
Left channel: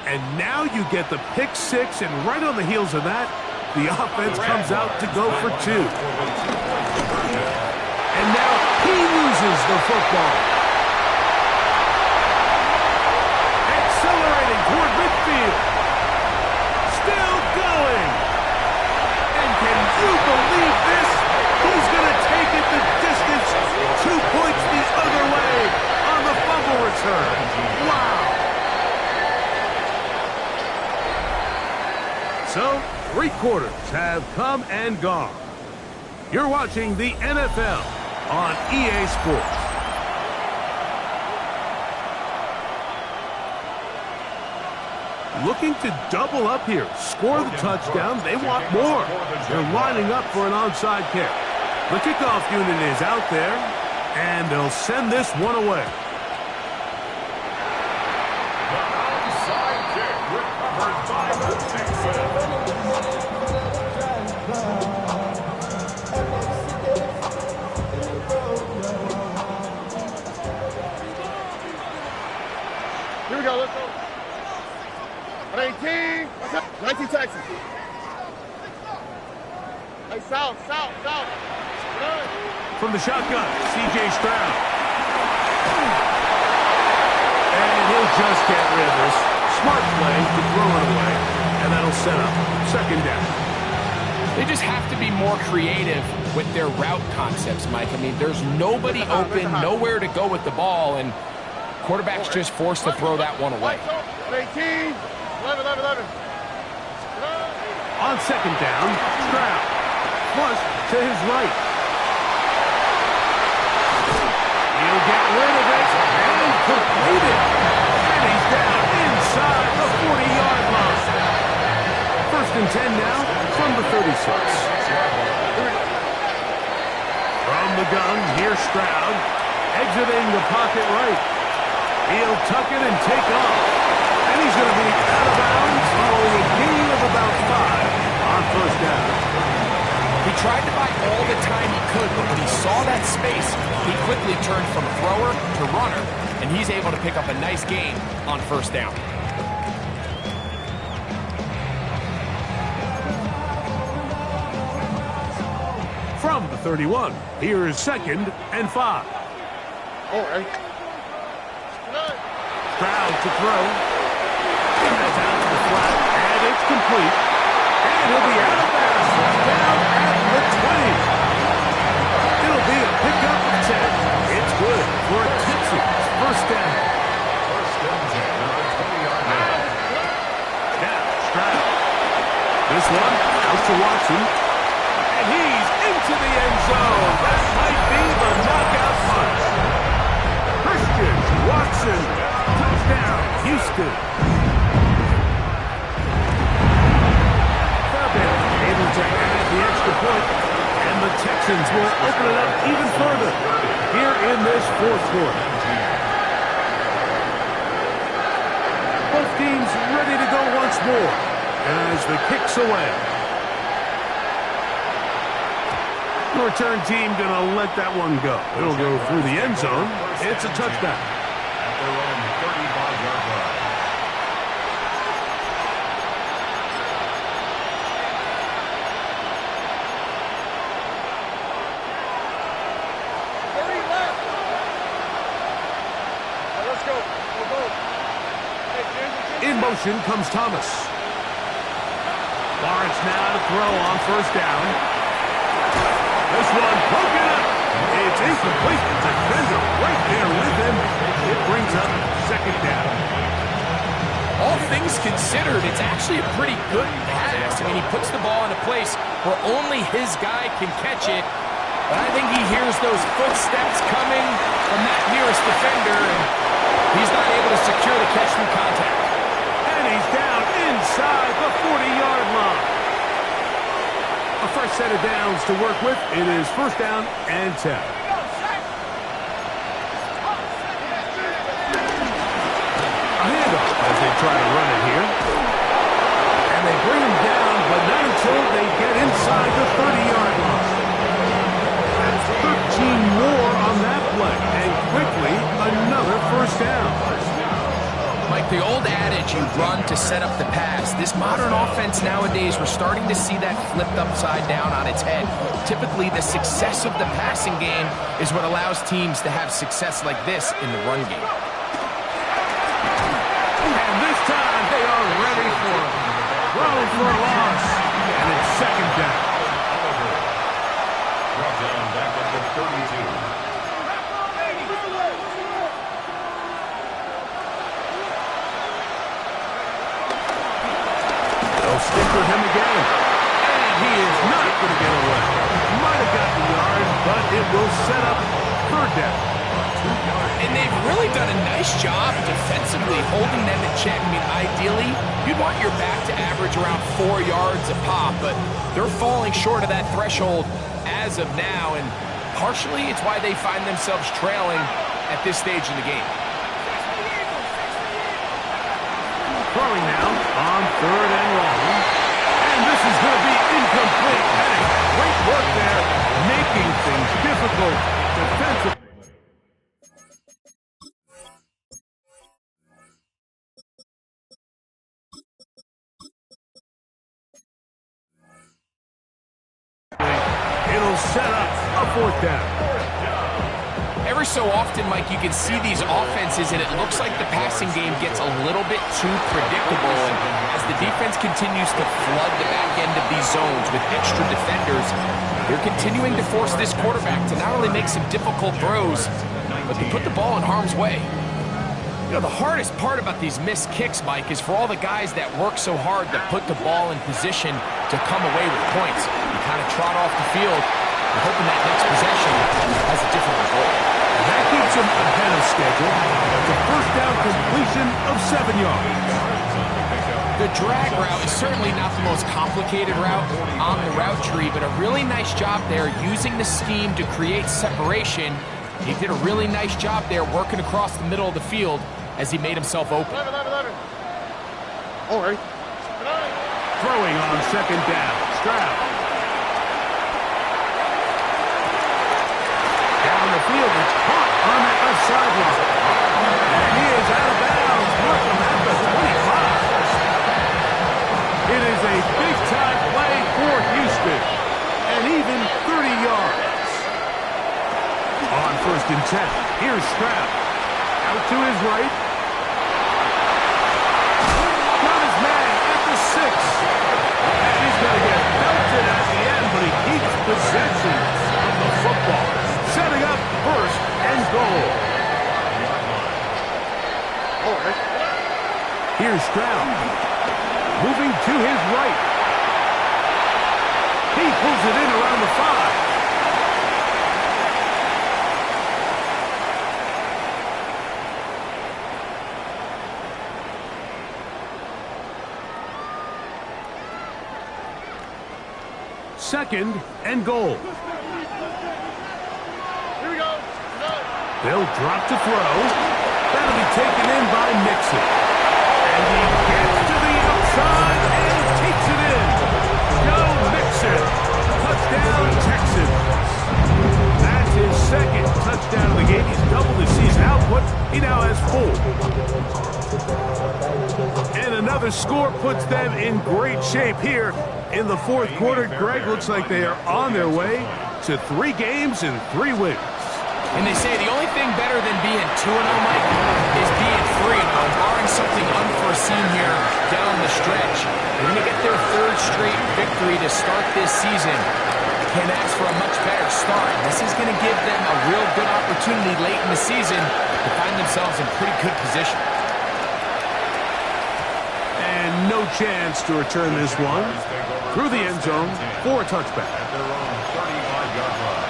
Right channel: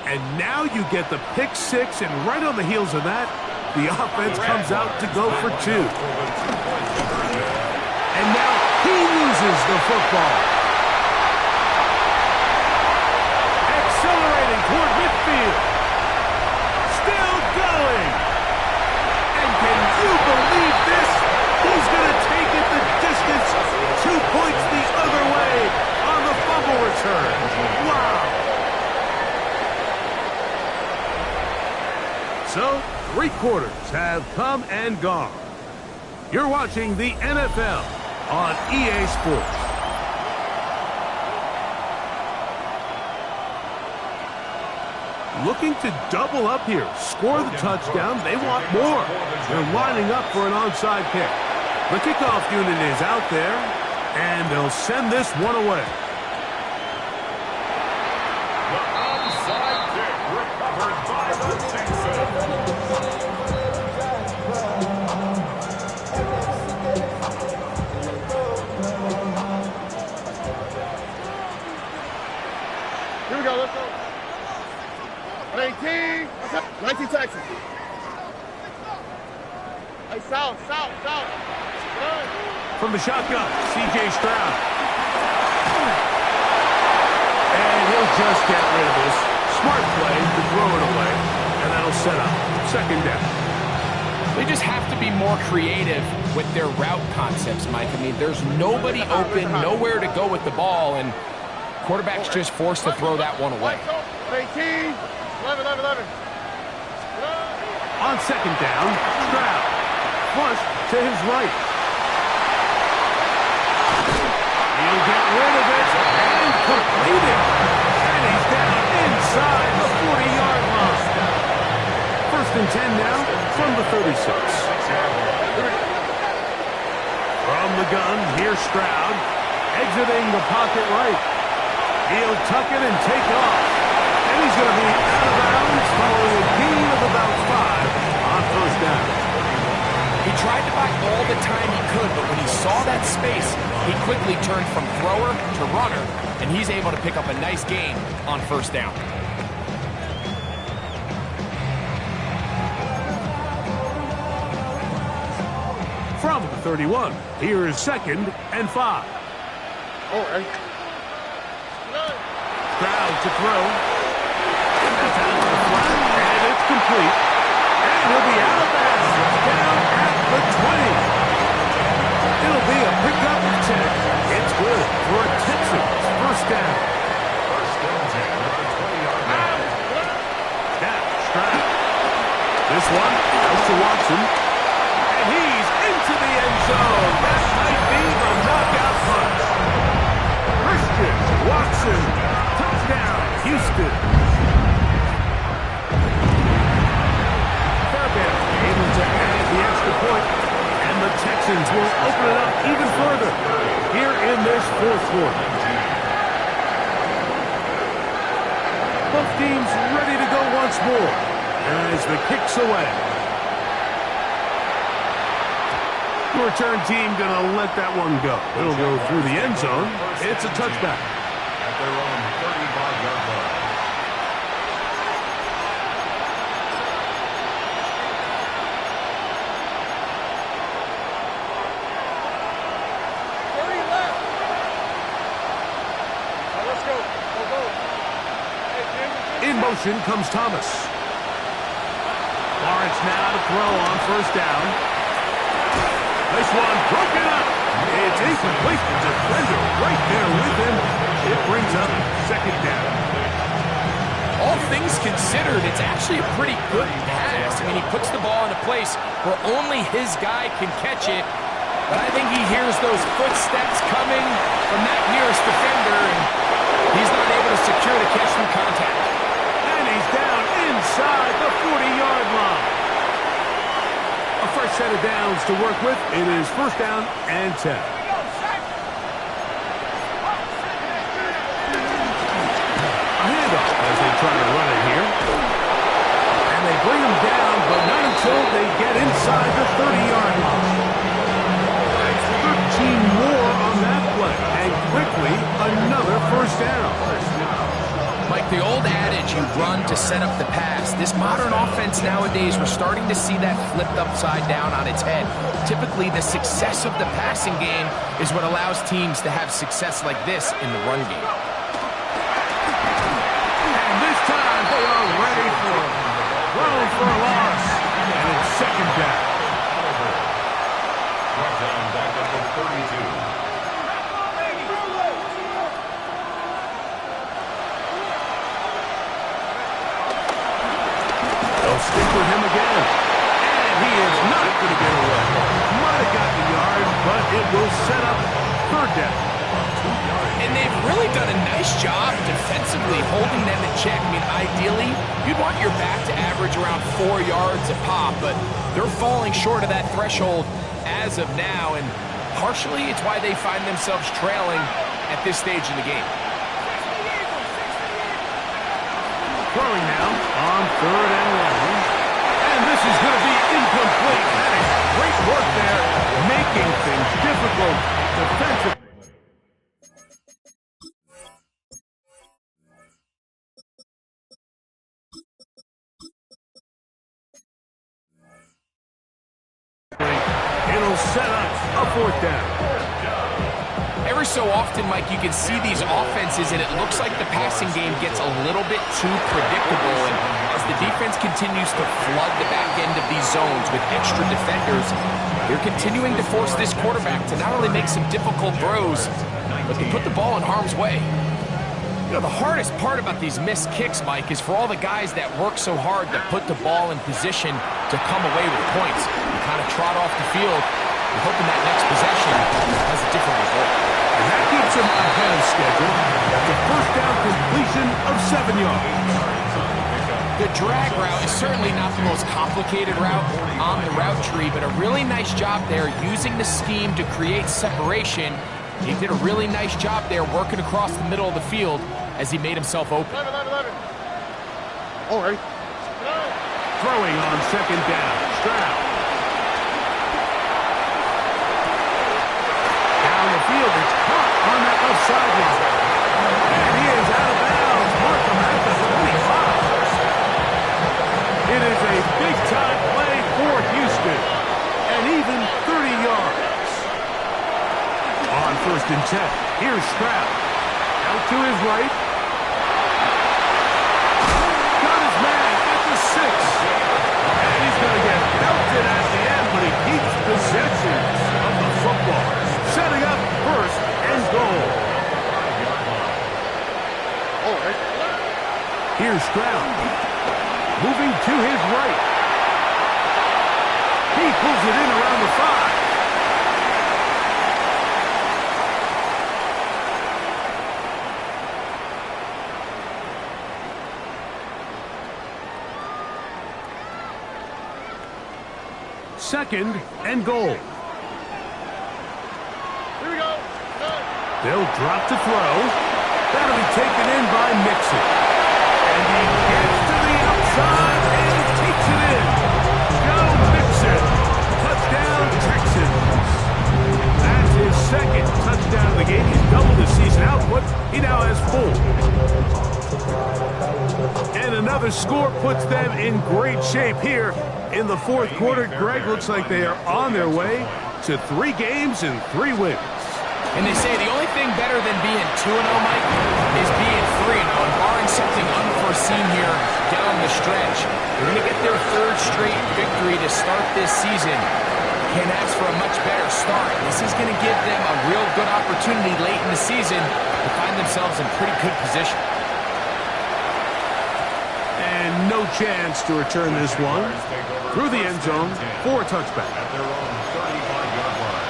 And now you get the pick six, and right on the heels of that, the offense comes out to go for 2. And now he loses the football. Accelerating toward midfield. Still going. And can you believe this? He's going to take it the distance. 2 points the other way on the fumble return. Wow. So, 3 quarters have come and gone. You're watching the NFL on EA Sports. Looking to double up here, score the touchdown. They want more. They're lining up for an onside kick. The kickoff unit is out there, and they'll send this one away. The onside kick recovered by the Texans. Here we go, let's go. 19, 19 Texas. Hey, south. From the shotgun, C.J. Stroud. And he'll just get rid of this. Smart play to throw it away, and that'll set up second down. They just have to be more creative with their route concepts, Mike. I mean, there's nobody open, nowhere to go with the ball, and Quarterback's just forced to throw that one away. 18, 11. On second down, Stroud. Flush to his right. He'll get rid of it and complete it. And he's down inside the 40-yard line. First and 10 now from the 36. From the gun, here's Stroud. Exiting the pocket right. He'll tuck it and take off. And he's going to be out of bounds following a gain of about 5 on first down. He tried to buy all the time he could, but when he saw that space, he quickly turned from thrower to runner, and he's able to pick up a nice gain on first down. From the 31, here is second and 5. Stroud to throw. That's out to the flat, and it's complete. And he'll be out of bounds, down at the 20. It'll be a pickup of 10. It's good for a Texans first down. First and 10 at the 20-yard line. Now, Stroud. This one out to Watson. And he's into the end zone. That might be the knockout punch. Christian Watson. Touchdown, Houston. Able to add the extra point, and the Texans will open it up even further here in this fourth quarter. Both teams ready to go once more as the kick's away. The return team going to let that one go. It'll go through the end zone. It's a touchback. At their own 35-yard line. In motion comes Thomas. Lawrence now to throw on first down. This one broken up. It's incomplete. The defender right there with him. It brings up second down. All things considered, it's actually a pretty good pass. I mean, he puts the ball in a place where only his guy can catch it. But I think he hears those footsteps coming from that nearest defender, and he's not able to secure the catch through contact. And he's down inside the 40-yard line. A fresh set of downs to work with. It is first down and 10. A handoff as they try to run it here. And they bring him down, but not until they get inside the 30-yard line. That's 13 more on that play. And quickly, another first down. Mike, the old adage, you run to set up the pass. This modern offense nowadays, we're starting to see that flipped upside down on its head. Typically, the success of the passing game is what allows teams to have success like this in the run game. And this time, they are ready for him. Thrown for a loss. And it's second down. Oliver. Brought down back at the 32. They'll stick with him again. And he is not going to get away. Might have gotten a yard, but it will set up third down. And they've really done a nice job defensively holding them in check. I mean, ideally, you'd want your back to average around 4 yards a pop, but they're falling short of that threshold as of now, and partially it's why they find themselves trailing at this stage in the game. Throwing now on third and long. And this is going to be incomplete. That is great work there, making things difficult defensively. It'll set up a fourth down. Every so often, Mike, you can see these offenses, and it looks like the passing game gets a little bit too predictable. And as the defense continues to flood the back end of these zones with extra defenders, they're continuing to force this quarterback to not only make some difficult throws, but to put the ball in harm's way. You know, the hardest part about these missed kicks, Mike, is for all the guys that work so hard to put the ball in position to come away with points. You kind of trot off the field, you're hoping that next possession has a different result. And that keeps him ahead of schedule. That's a first down completion of 7 yards. The drag route is certainly not the most complicated route on the route tree, but a really nice job there using the scheme to create separation. He did a really nice job there working across the middle of the field as he made himself open. All right. Throwing on second down. Stroud. Down the field. It's caught on that left sideline. And he is out of bounds. Markham at the 25. It is a big-time play for Houston. And even 30 yards. On first and 10, here's Stroud. Out to his right. Got his man at the 6. And he's going to get belted at the end, but he keeps possession of the football. Setting up first and goal. All right. Here's Stroud. Moving to his right. He pulls it in around the 5. Second and goal. Here we go. They'll drop to throw. That'll be taken in by Mixon. And he gets to the outside and takes it in. Joe Mixon. Touchdown, Texans. That's his second touchdown of the game. He's doubled his season output. He now has 4. And another score puts them in great shape here in the fourth quarter. Greg, looks like they are on their way to 3 games and 3 wins. And they say the only thing better than being 2-0, Mike, is being 3-0. And barring something unforeseen here down the stretch, they're going to get their 3rd straight victory to start this season. Can't ask for a much better start. This is going to give them a real good opportunity late in the season to find themselves in pretty good position. And no chance to return this one through the end zone for a touchback. At their own 35-yard line.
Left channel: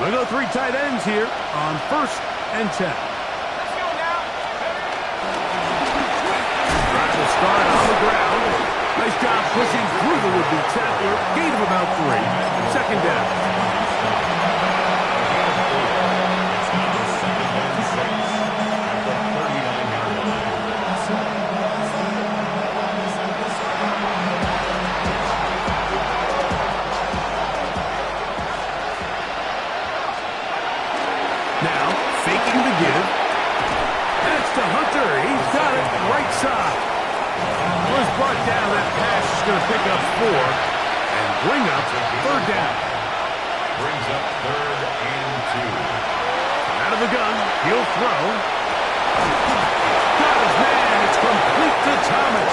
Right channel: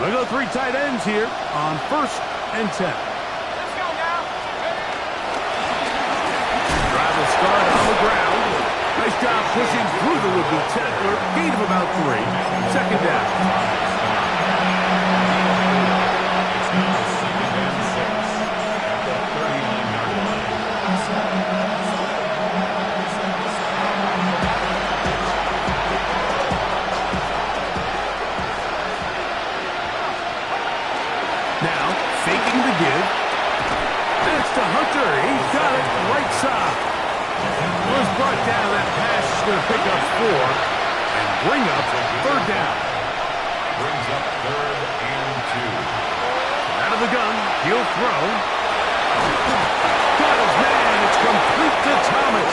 We'll go 3 tight ends here on first and 10. Start on the ground. Nice job pushing through the would-be tackler. Gain of about 3. Second down. It's now second and 6 at the 39-yard line. Now, faking the give. That's to Hunter. He's got it right side. Was brought down. That pass is going to pick up 4 and bring up 3rd down. Brings up 3rd and 2. Out of the gun, he'll throw. Got his man. It's complete to Thomas.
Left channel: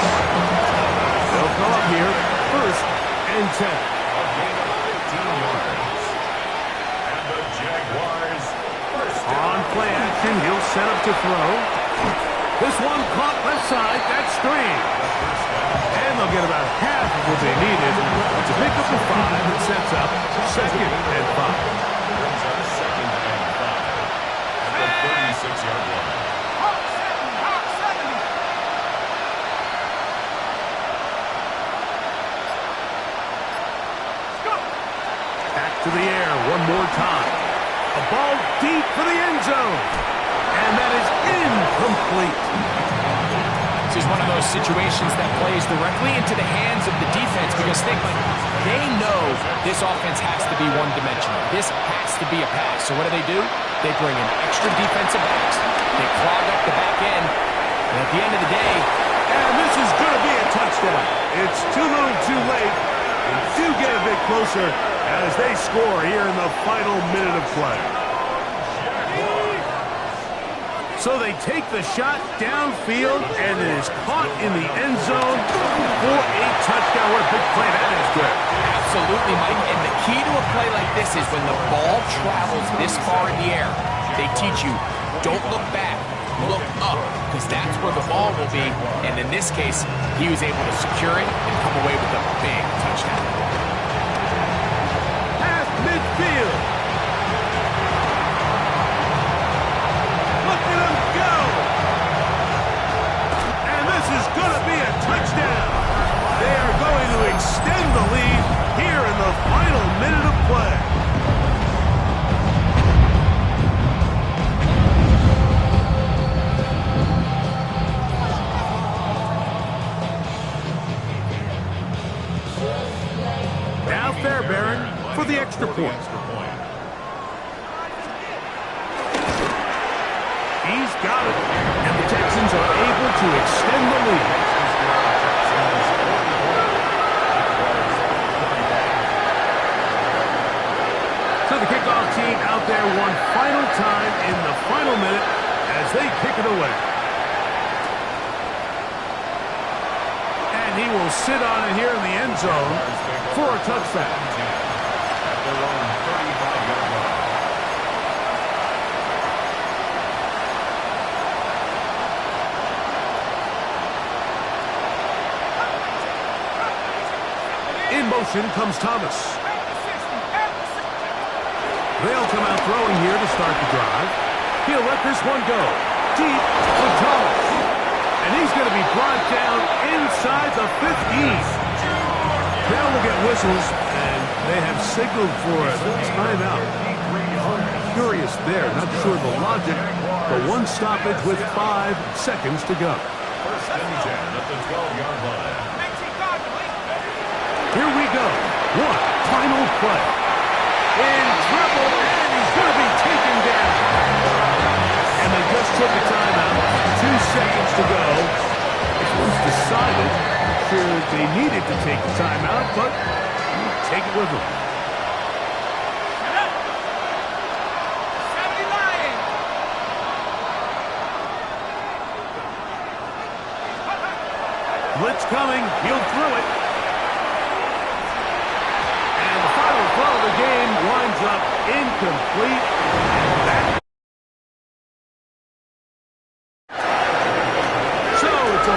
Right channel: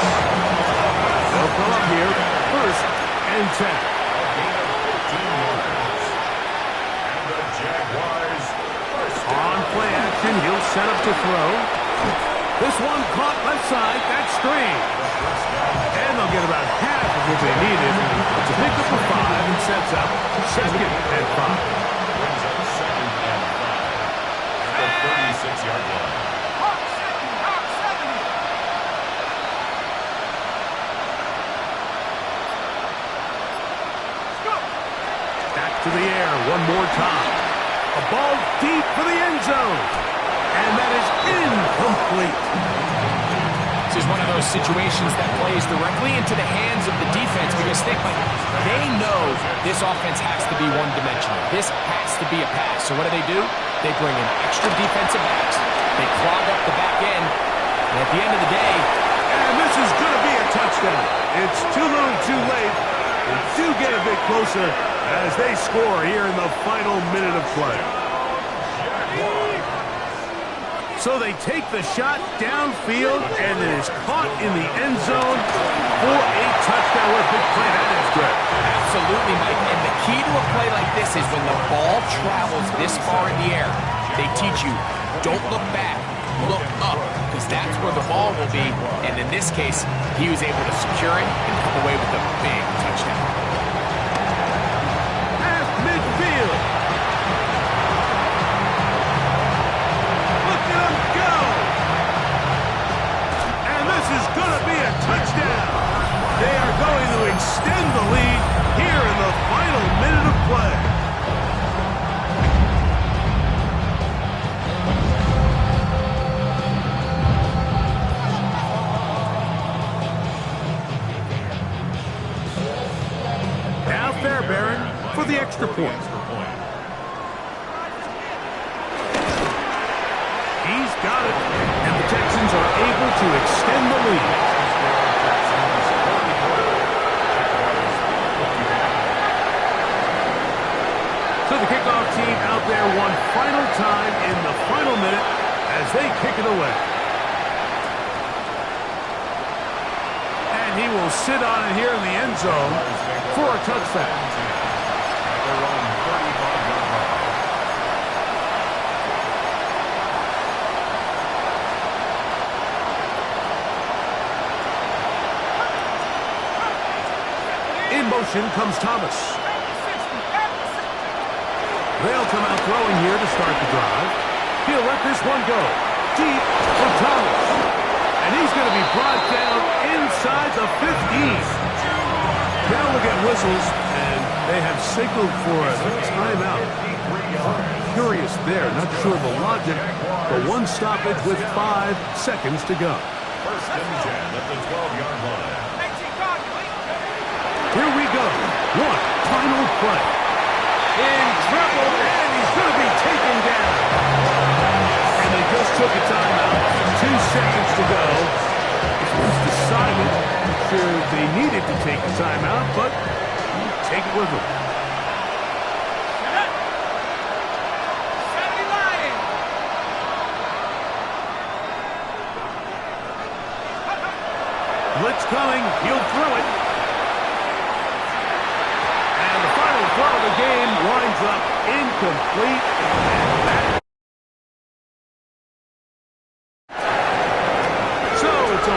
They'll come up here, first and 10. A gain of 15 yards. And the Jaguars first On play action, he'll set up to throw. This one caught left side. That's strange. And they'll get about half of what they needed to pick up a 5 and sets up second and 5. Brings up second and 5 at the 36-yard line. Back to the air one more time. A ball deep for the end zone. And that is incomplete. This is one of those situations that plays directly into the hands of the defense because they know this offense has to be one-dimensional. This has to be a pass. So what do? They bring in extra defensive backs. They clog up the back end. And at the end of the day... And this is going to be a touchdown. It's too little too late. They do get a bit closer as they score here in the final minute of play. So they take the shot downfield, and it is caught in the end zone for a touchdown. What a big play that is, Greg. Absolutely, Mike. And the key to a play like this is when the ball travels this far in the air, they teach you, don't look back, look up, because that's where the ball will be. And in this case, he was able to secure it and come away with a big touchdown. Past midfield. Look at him go. And this is going to be a touchdown. They are going to extend the lead here in the final minute of play. Now Fairbairn for the extra point. He's got it, and the Texans are able to extend the lead. So the kickoff team out there one final time in the final minute as they kick it away. And he will sit on it here in the end zone for a touchdown. At their own 35-yard line. In motion comes Thomas. They'll come out throwing here to start the drive. He'll let this one go. Deep for Thomas. And he's going to be brought down inside the 15. Now we'll get whistles, and they have signaled for a timeout. Curious there, not sure the logic, but one stoppage with 5 seconds to go. First and 10 at the 12-yard line. Here we go. One final play. In trouble, and he's going to be taken down. And they just took a timeout. 2 seconds to go. It was decided. I'm sure they needed to take the timeout, but take it with them. Blitz coming. He'll throw it. And the final throw of the game winds up incomplete.